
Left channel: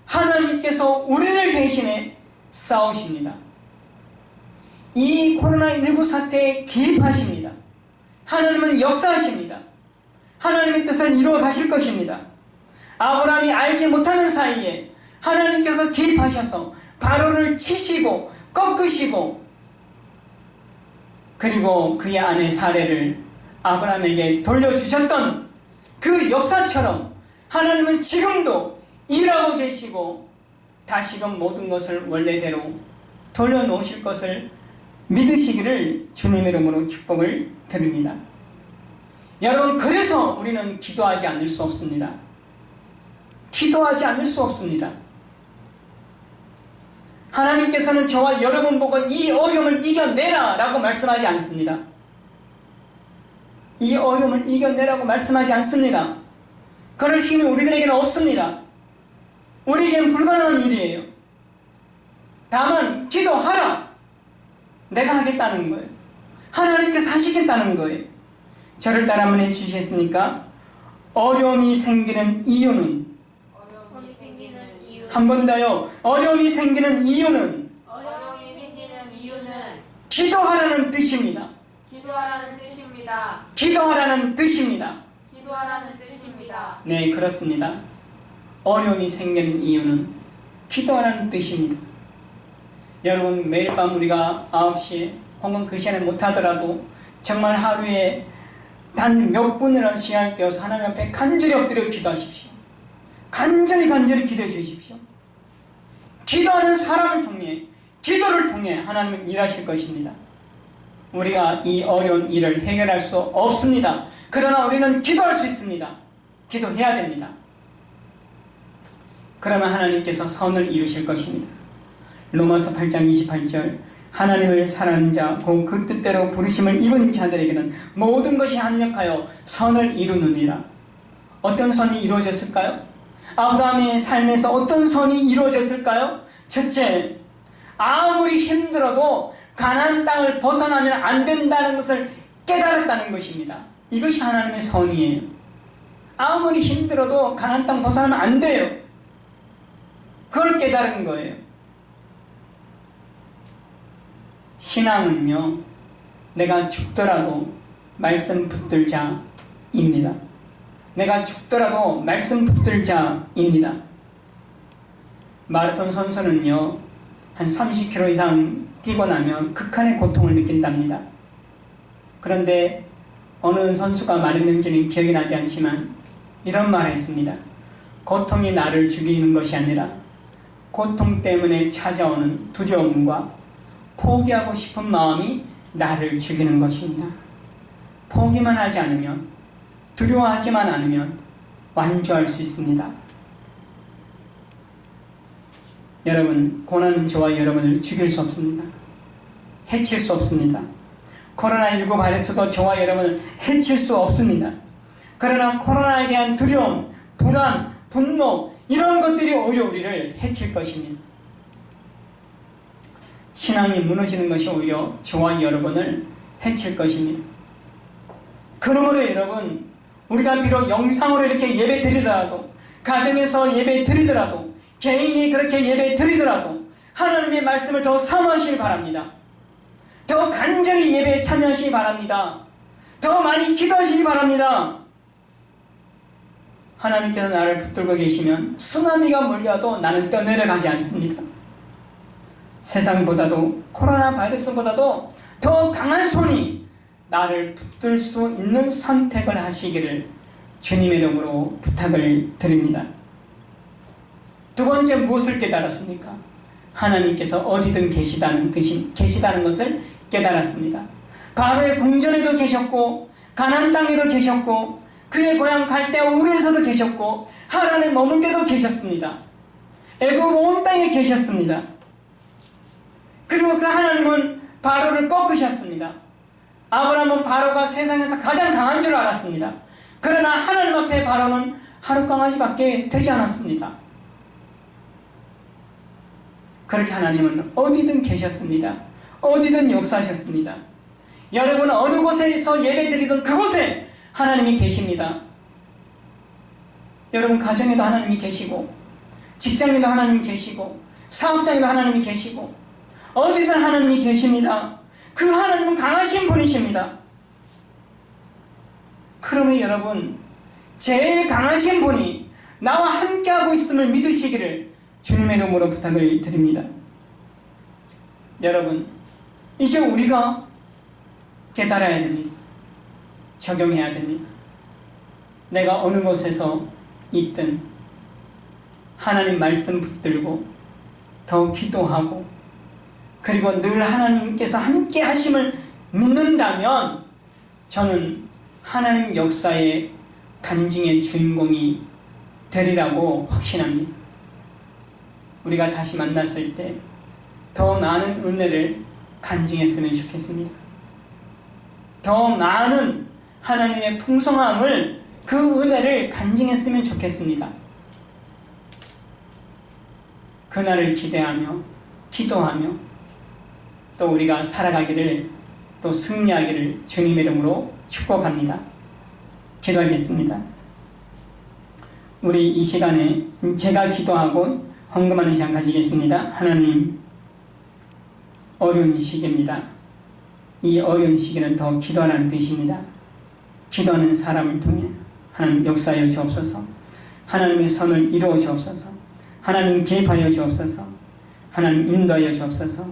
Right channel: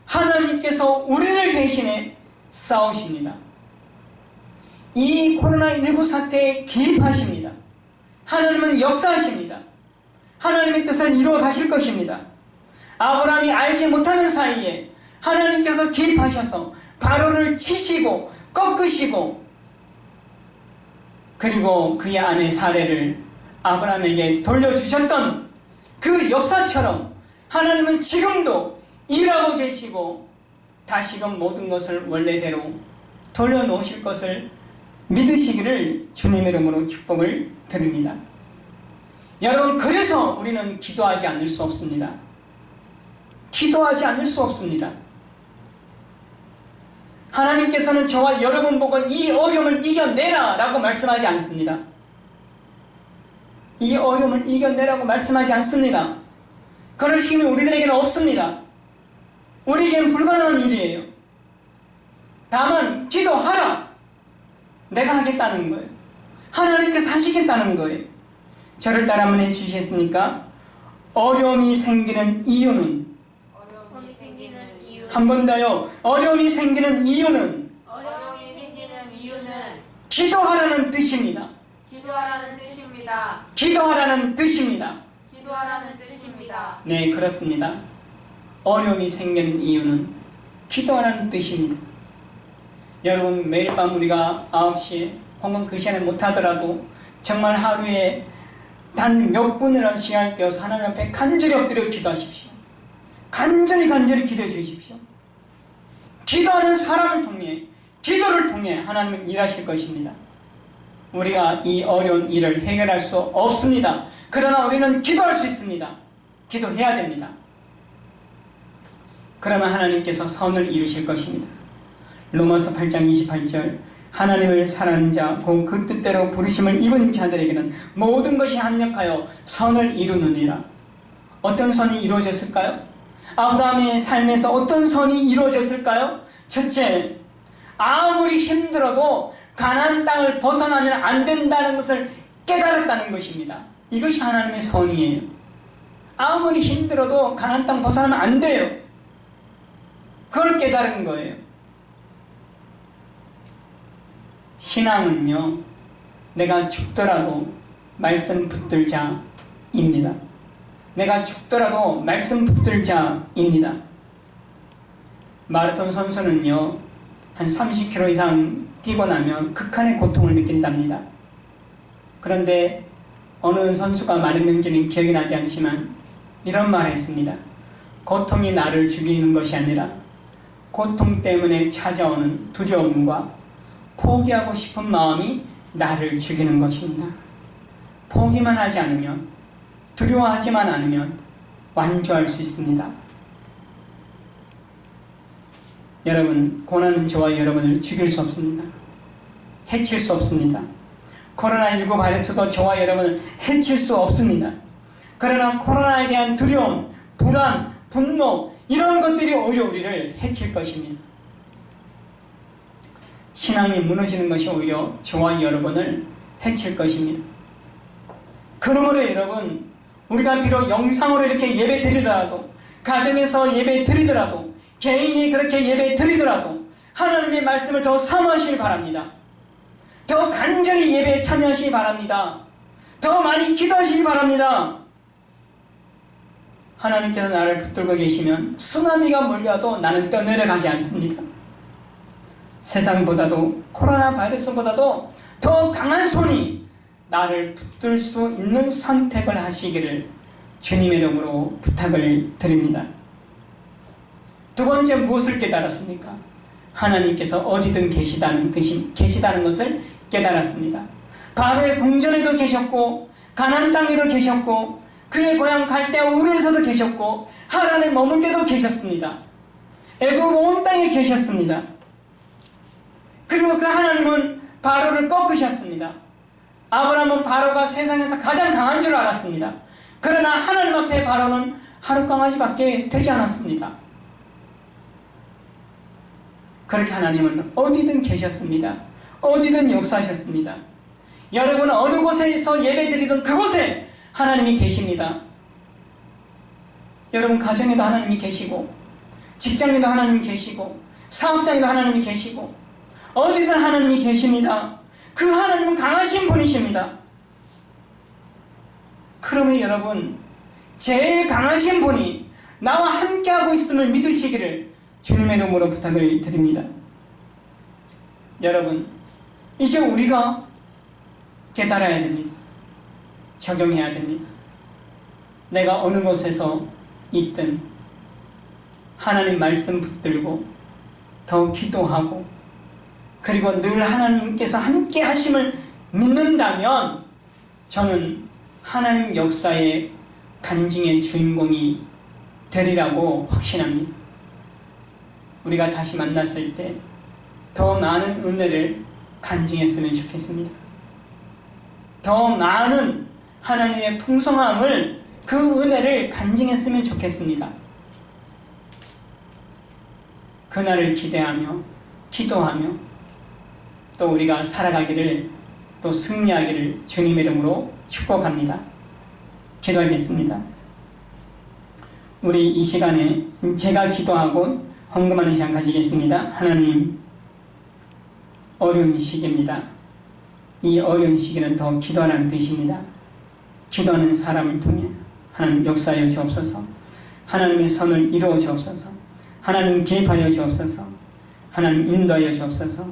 하나님께서 우리를 대신해 싸우십니다. 이 코로나19 사태에 개입하십니다. 하나님은 역사하십니다. 하나님의 뜻을 이루어 가실 것입니다. 아브라함이 알지 못하는 사이에 하나님께서 개입하셔서 바로를 치시고 꺾으시고 그리고 그의 아내 사레를 아브라함에게 돌려주셨던 그 역사처럼 하나님은 지금도 일하고 계시고 다시금 모든 것을 원래대로 돌려놓으실 것을 믿으시기를 주님의 이름으로 축복을 드립니다. 여러분 그래서 우리는 기도하지 않을 수 없습니다. 기도하지 않을 수 없습니다. 하나님께서는 저와 여러분 보고 이 어려움을 이겨내라 라고 말씀하지 않습니다. 이 어려움을 이겨내라고 말씀하지 않습니다. 그럴 힘이 우리들에게는 없습니다. 우리에게는 불가능한 일이에요. 다만 기도하라. 내가 하겠다는 거예요. 하나님께서 하시겠다는 거예요. 저를 따라 한번 해주시겠습니까? 어려움이 생기는 이유는 한 번 더요. 어려움이 생기는 이유는 기도하라는 뜻입니다. 기도하라는 뜻입니다. 기도하라는 뜻입니다. 기도하라는 뜻입니다. 네, 그렇습니다. 어려움이 생기는 이유는 기도하라는 뜻입니다. 여러분 매일 밤 우리가 9시에 혹은 그 시간에 못하더라도 정말 하루에 단 몇 분이라도 시간을 떼어서 하나님 앞에 간절히 엎드려 기도하십시오. 간절히 기도해 주십시오. 기도하는 사람을 통해, 기도를 통해 하나님은 일하실 것입니다. 우리가 이 어려운 일을 해결할 수 없습니다. 그러나 우리는 기도할 수 있습니다. 기도해야 됩니다. 그러면 하나님께서 선을 이루실 것입니다. 로마서 8장 28절 하나님을 사랑하는 자, 곧 그 뜻대로 부르심을 입은 자들에게는 모든 것이 합력하여 선을 이루느니라. 어떤 선이 이루어졌을까요? 아브라함의 삶에서 어떤 선이 이루어졌을까요? 첫째, 아무리 힘들어도 가나안 땅을 벗어나면 안 된다는 것을 깨달았다는 것입니다. 이것이 하나님의 선이에요. 아무리 힘들어도 가나안 땅 벗어나면 안 돼요. 그걸 깨달은 거예요. 신앙은요, 내가 죽더라도 말씀 붙들 자입니다. 내가 죽더라도 말씀 붙들 자입니다. 마라톤 선수는요, 한 30km 이상 뛰고 나면 극한의 고통을 느낀답니다. 그런데 어느 선수가 말했는지는 기억이 나지 않지만 이런 말을 했습니다. 고통이 나를 죽이는 것이 아니라 고통 때문에 찾아오는 두려움과 포기하고 싶은 마음이 나를 죽이는 것입니다. 포기만 하지 않으면, 두려워하지만 않으면 완주할 수 있습니다. 여러분, 고난은 저와 여러분을 죽일 수 없습니다. 해칠 수 없습니다. 코로나19 바이러스도 저와 여러분을 해칠 수 없습니다. 그러나 코로나에 대한 두려움, 불안, 분노 이런 것들이 오히려 우리를 해칠 것입니다. 신앙이 무너지는 것이 오히려 저와 여러분을 해칠 것입니다. 그러므로 여러분, 우리가 비록 영상으로 이렇게 예배 드리더라도, 가정에서 예배 드리더라도, 개인이 그렇게 예배 드리더라도 하나님의 말씀을 더 사모하시기 바랍니다. 더 간절히 예배에 참여하시기 바랍니다. 더 많이 기도하시기 바랍니다. 하나님께서 나를 붙들고 계시면 쓰나미가 몰려도 나는 떠내려가지 않습니다. 세상보다도 코로나 바이러스보다도 더 강한 손이 나를 붙들 수 있는 선택을 하시기를 주님의 이름으로 부탁을 드립니다. 두 번째, 무엇을 깨달았습니까? 하나님께서 어디든 계시다는 것을 깨달았습니다. 바로의 궁전에도 계셨고 가나안 땅에도 계셨고 그의 고향 갈대아 우르에서도 계셨고 하란에 머문 데도 계셨습니다. 애굽 온 땅에 계셨습니다. 그리고 그 하나님은 바로를 꺾으셨습니다. 아브라함은 바로가 세상에서 가장 강한 줄 알았습니다. 그러나 하나님 앞에 바로는 하루 강아지밖에 되지 않았습니다. 그렇게 하나님은 어디든 계셨습니다. 어디든 역사하셨습니다. 여러분 어느 곳에서 예배드리든 그곳에 하나님이 계십니다. 여러분 가정에도 하나님이 계시고 직장에도 하나님이 계시고 사업장에도 하나님이 계시고 어디든 하나님이 계십니다. 그 하나님은 강하신 분이십니다. 그러면 여러분 제일 강하신 분이 나와 함께하고 있음을 믿으시기를 주님의 이름으로 부탁을 드립니다. 여러분 이제 우리가 깨달아야 됩니다. 적용해야 됩니다. 내가 어느 곳에서 있든 하나님 말씀 붙들고 더 기도하고 그리고 늘 하나님께서 함께 하심을 믿는다면 저는 하나님 역사의 간증의 주인공이 되리라고 확신합니다. 우리가 다시 만났을 때 더 많은 은혜를 간증했으면 좋겠습니다. 더 많은 하나님의 풍성함을 그 은혜를 간증했으면 좋겠습니다. 그날을 기대하며 기도하며 또 우리가 살아가기를 또 승리하기를 주님의 이름으로 축복합니다. 기도하겠습니다. 우리 이 시간에 제가 기도하고 헌금하는 시간 가지겠습니다. 하나님 어려운 시기입니다. 이 어려운 시기는 더 기도하라는 뜻입니다. 기도하는 사람을 통해 하나님 역사하여 주옵소서. 하나님의 선을 이루어 주옵소서. 하나님 개입하여 주옵소서. 하나님 인도하여 주옵소서.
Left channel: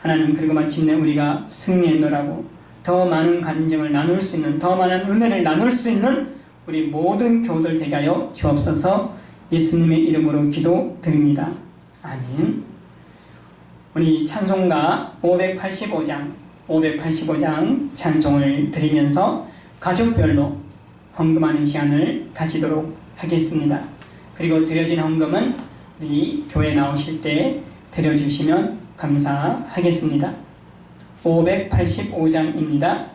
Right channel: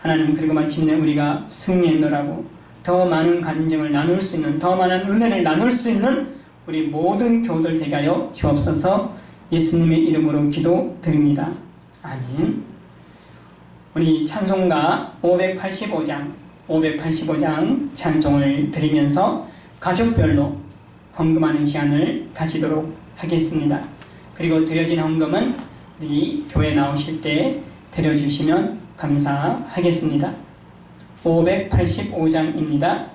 하나님 그리고 마침내 우리가 승리했노라고 더 많은 간증을 나눌 수 있는, 더 많은 은혜를 나눌 수 있는 우리 모든 교우들 되게 하여 주옵소서. 예수님의 이름으로 기도드립니다. 아멘. 우리 찬송가 585장 찬송을 드리면서 가족별로 헌금하는 시간을 가지도록 하겠습니다. 그리고 드려진 헌금은 우리 교회 나오실 때 드려주시면 감사하겠습니다. 585장입니다.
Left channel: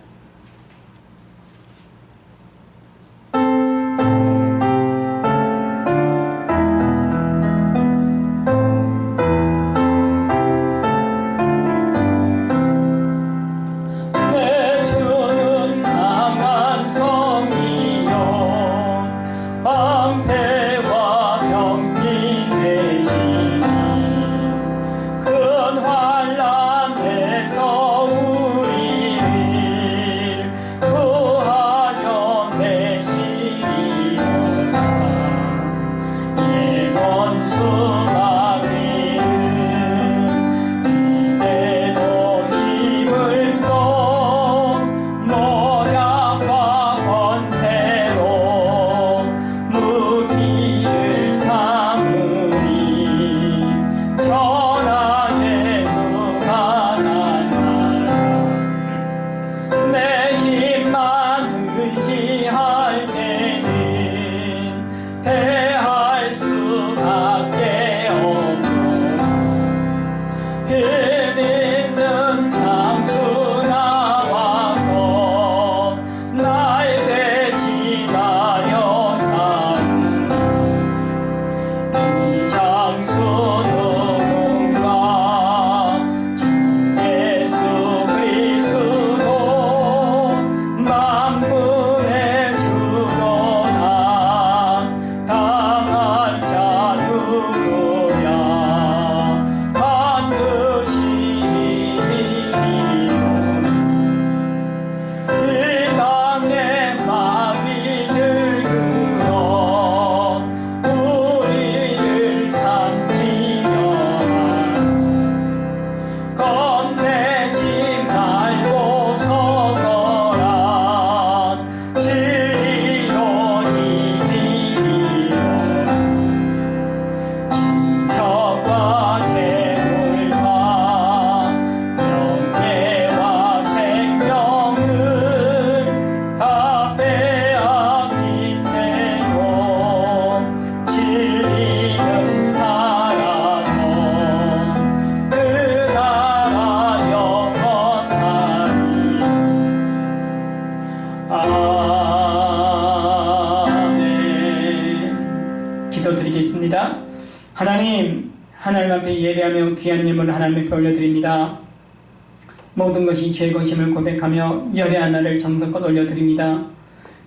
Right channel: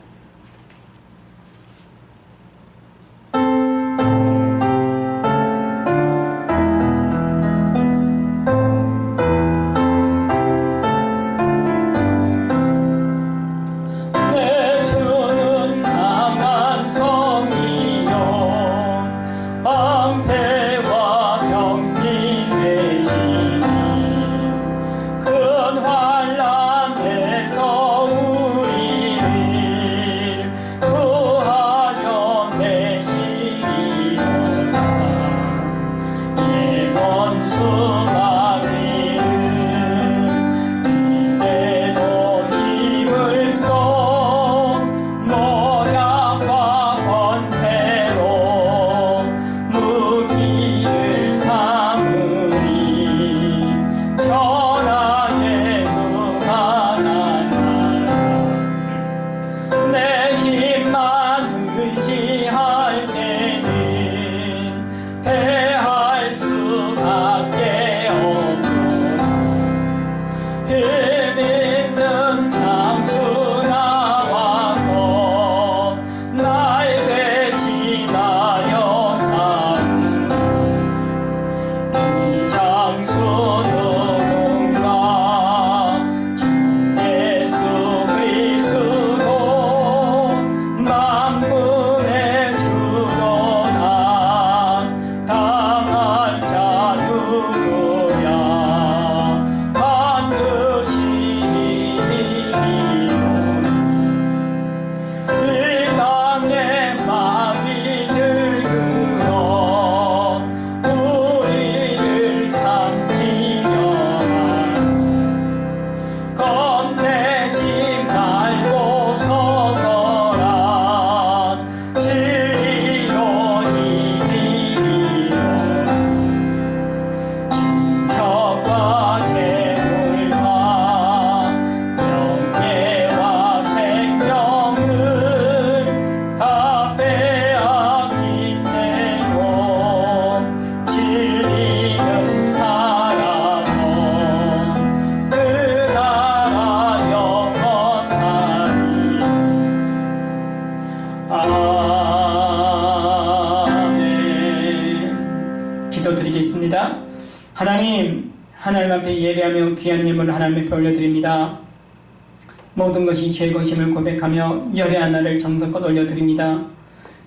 기도드리겠습니다. 하나님 앞에 예배하며 귀한 예물을 하나님 앞에 올려드립니다. 모든 것이 죄의 것임을 고백하며 열의 하나를 정성껏 올려드립니다.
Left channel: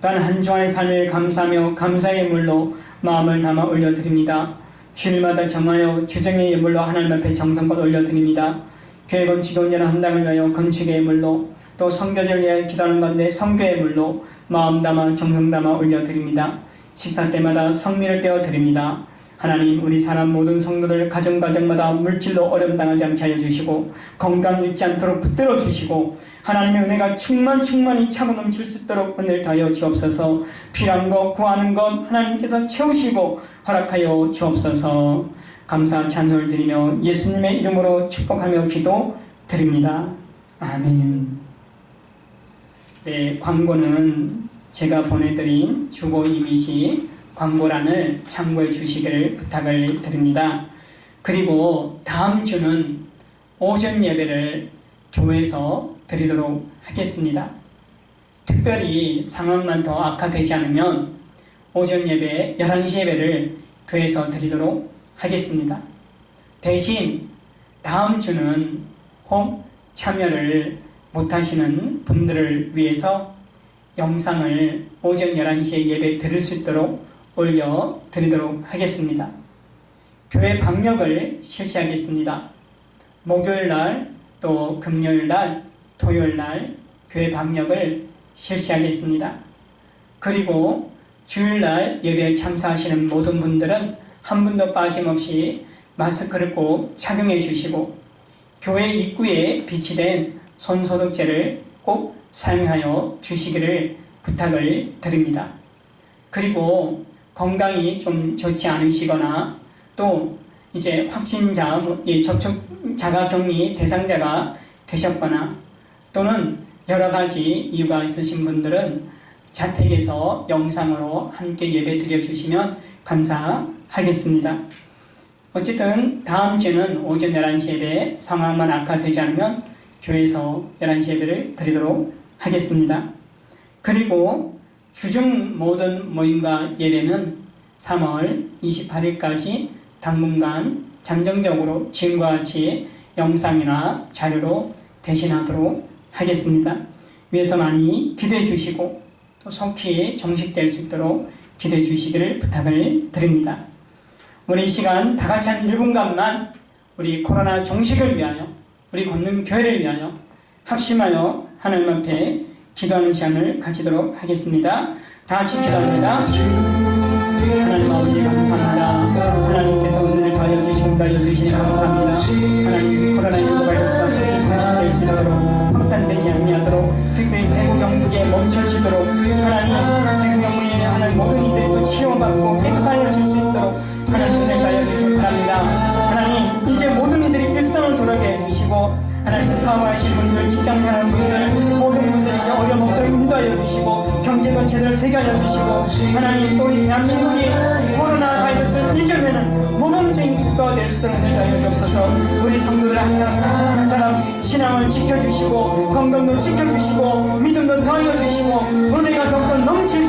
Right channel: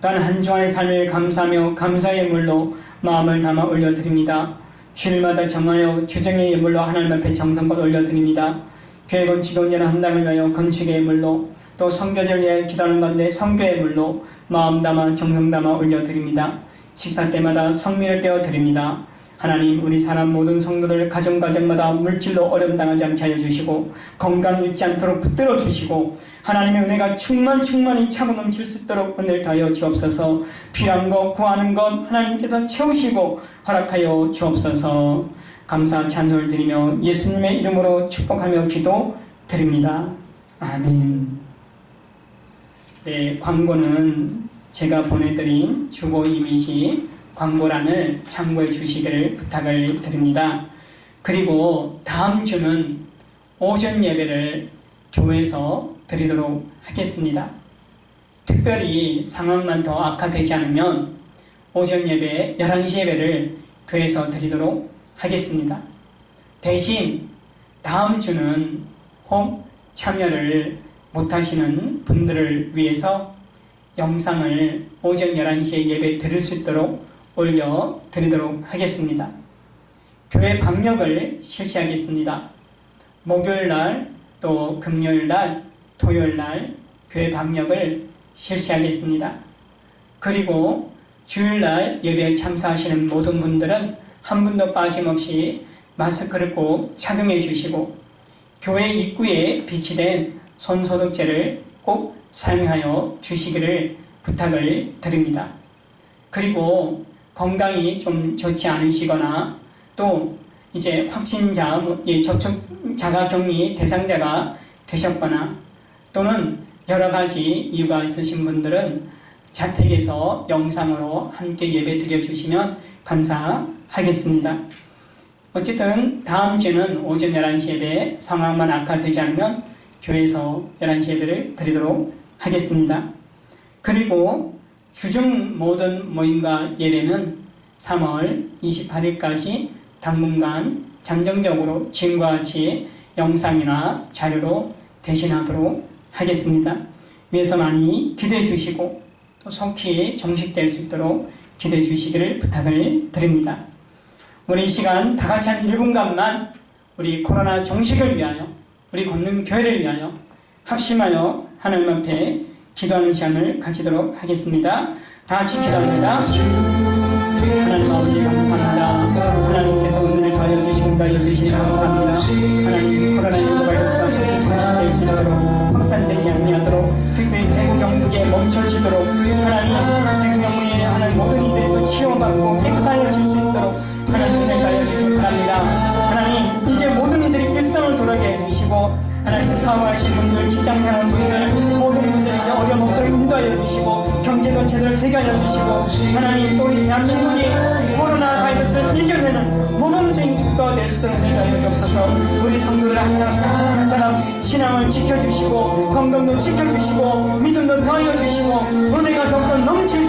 또한 한 주간의 삶을 감사하며 감사의 예물로 마음을 담아 올려드립니다. 주일마다 정하여 주정의 예물로 하나님 앞에 정성껏 올려드립니다. 교회 건축 언제나 헌당을 위하여 건축의 예물로, 또 선교제를 위하여 기도하는 가운데 선교의 예물로 마음 담아 정성 담아 올려드립니다. 식사 때마다 성민을 떼어드립니다. 하나님, 우리 사람 모든 성도들 가정마다 물질로 어려움 당하지 않게 하여 주시고, 건강 잃지 않도록 붙들어 주시고, 하나님의 은혜가 충만히 차고 넘칠 수 있도록 은혜를 다하여 주옵소서. 필요한 것 구하는 것 하나님께서 채우시고 허락하여 주옵소서. 감사 찬송을 드리며 예수님의 이름으로 축복하며 기도드립니다. 아멘. 네, 광고는 제가 보내드린 주보 이미지 광고란을 참고해 주시기를 부탁을 드립니다. 그리고 다음 주는 오전 예배를 교회에서 드리도록 하겠습니다. 특별히 상황만 더 악화되지 않으면 오전 예배 11시 예배를 교회에서 드리도록 하겠습니다. 대신 다음 주는 혹 참여를 못하시는 분들을 위해서 영상을 오전 11시에 예배 드릴 수 있도록 올려드리도록 하겠습니다. 교회 방역을 실시하겠습니다. 목요일날, 또 금요일날, 토요일날 교회 방역을 실시하겠습니다. 그리고 주일날 예배에 참석하시는 모든 분들은 한 분도 빠짐없이 마스크를 꼭 착용해 주시고, 교회 입구에 비치된 손소독제를 꼭 사용하여 주시기를 부탁을 드립니다. 그리고 건강이 좀 좋지 않으시거나 또 이제 확진자, 접촉 자가격리 대상자가 되셨거나 또는 여러 가지 이유가 있으신 분들은 자택에서 영상으로 함께 예배 드려주시면 감사하겠습니다. 어쨌든 다음 주는 오전 11시 예배, 상황만 악화되지 않으면 교회에서 11시 예배를 드리도록 하겠습니다. 그리고 규정 모든 모임과 예배는 3월 28일까지 당분간 잠정적으로 지금과 같이 영상이나 자료로 대신하도록 하겠습니다. 위에서 많이 기대해 주시고 또 속히 정식될 수 있도록 기대해 주시기를 부탁을 드립니다. 우리 이 시간 다 같이 한 1분간만 우리 코로나 종식을 위하여 우리 권능교회를 위하여 합심하여 하나님 앞에 기도하는 시간을 가지도록 하겠습니다. 다 같이 기도합니다. 하나님 아버지 감사합니다. 하나님께서 은혜를 더하여 주시고 더하여 주시니 감사합니다. 하나님 코로나19 바이러스가 속히 종식될 수 있도록 확산되지 않도록 특별히 대구 경북에 멈춰지도록 하나님 대구 경북에 하나님 모든 이들이 또 치유받고 깨끗하여질 수 있도록 하나님 은혜를 더하여 주시기 바랍니다. 하나님 이제 모든 이들이 일상을 돌아게 해주시고 하나님 사업하시는 분들, 직장생활하는 분들, 모든 분들이 이제 어려움 없도록 인도하여 주시고 경제도 제대로 되게 하여 주시고 하나님 또 우리 대한민국이 코로나 바이러스를 이겨내는 모범적인 국가가 될 수 있도록 인도하여 주옵소서. 우리 성도들 한 사람 신앙을 지켜주시고 건강도 지켜주시고 믿음도 더하여 주시고 은혜가 더욱더 넘칠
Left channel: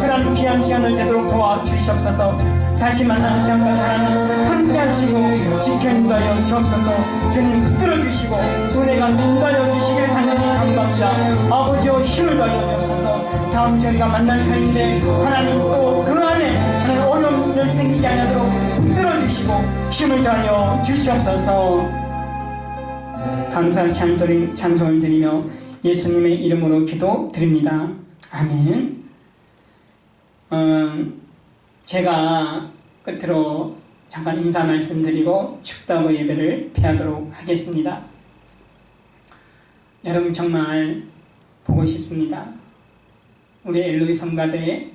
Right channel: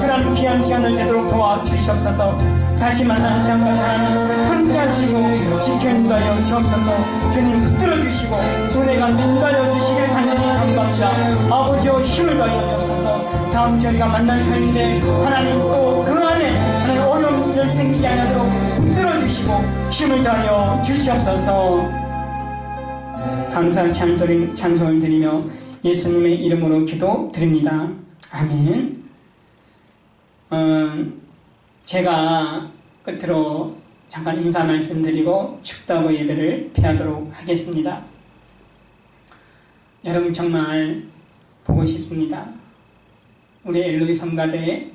그런 귀한 시간을 되도록 도와주시옵소서. 다시 만나는 시간까지 하나님 함께 하시고 지켜 인도하여 주옵소서. 주님 붙들어 주시고 은혜가 인도하여 주시기를 간절히 간구합니다. 아버지여 힘을 더하여 주옵소서. 다음 주에 우리가 만날 터인데 하나님 또 그 안에 하나님 어려움을 생기지 않도록 붙들어 주시고 힘을 더하여 주시옵소서. 감사의 찬송을 드리며 예수님의 이름으로 기도드립니다. 아멘. 제가 끝으로 잠깐 인사 말씀드리고 축도하고 예배를 피하도록 하겠습니다. 여러분 정말 보고 싶습니다. 우리 엘로이 성가대의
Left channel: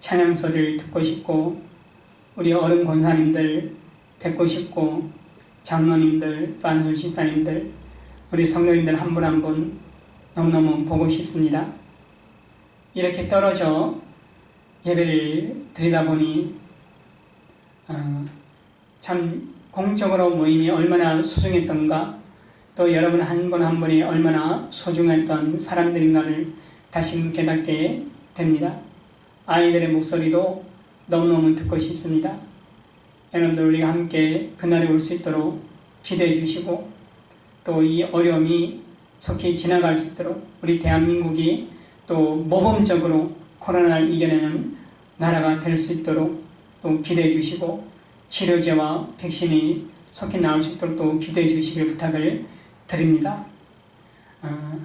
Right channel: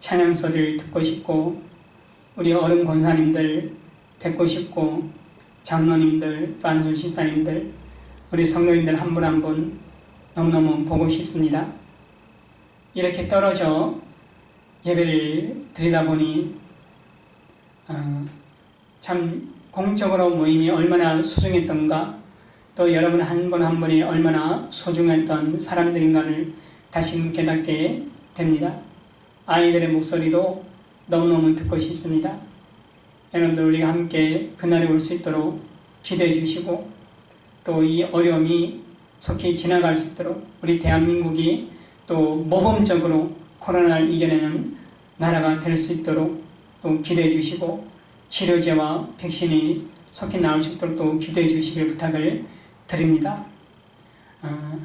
찬양 소리를 듣고 싶고 우리 어른 권사님들 뵙고 싶고 장로님들 또 안수 신사님들 우리 성도님들 한 분 한 분 너무너무 보고 싶습니다. 이렇게 떨어져 예배를 드리다 보니 참 공적으로 모임이 얼마나 소중했던가 또 여러분 한 분 한 분이 얼마나 소중했던 사람들인가를 다시 깨닫게 됩니다. 아이들의 목소리도 너무너무 듣고 싶습니다. 여러분들 우리가 함께 그날이 올 수 있도록 기도해 주시고 또 이 어려움이 속히 지나갈 수 있도록 우리 대한민국이 또 모범적으로 코로나를 이겨내는 나라가 될 수 있도록 또 기도해 주시고 치료제와 백신이 속히 나올 수 있도록 또 기도해 주시길 부탁을 드립니다.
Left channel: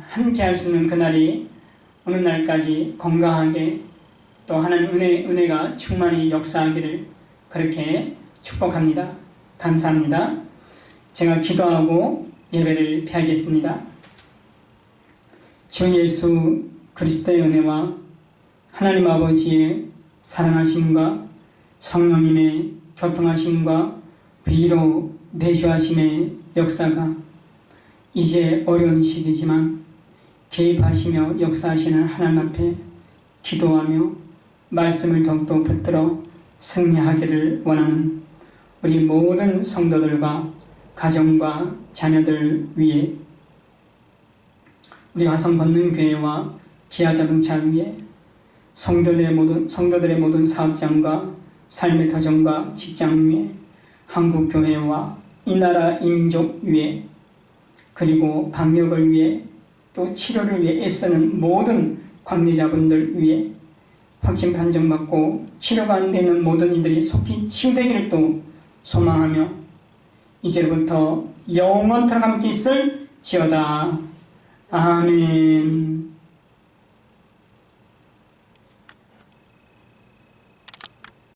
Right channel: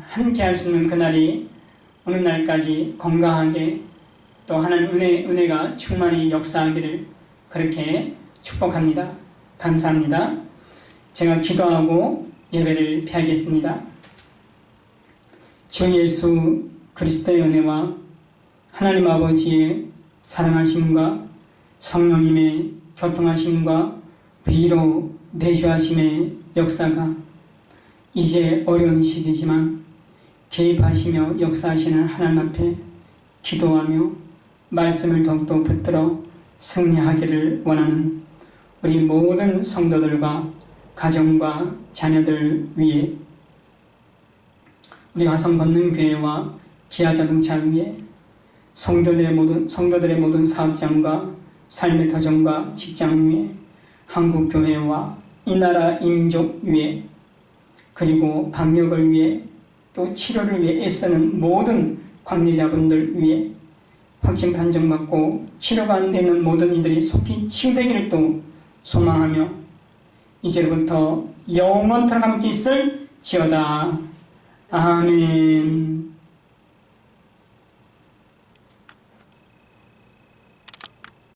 함께 할 수 있는 그날이 오는 날까지 건강하게 또 하나님 은혜가 충만히 역사하기를 그렇게 축복합니다. 감사합니다. 제가 기도하고 예배를 피하겠습니다. 주 예수 그리스도의 은혜와 하나님 아버지의 사랑하심과 성령님의 교통하심과 위로 내주하심의 역사가 이제 어려운 시기지만 개입하시며 역사하시는 하나님 앞에 기도하며 말씀을 더욱더 붙들어 승리하기를 원하는 우리 모든 성도들과 가정과 자녀들 위해 우리 화성권능교회와 기아자동차 위에 성도들의 모든 사업장과 삶의 터전과 직장 위에 한국교회와 이 나라 인족 위에 그리고 방역을 위해 또 치료를 위해 애쓰는 모든 관계자분들 위해 확진 판정받고 치료가 안 되는 모든 이들이 속히 치유되기를 또 소망하며 이제부터 영원토록 함께 있을 지어다. 아멘.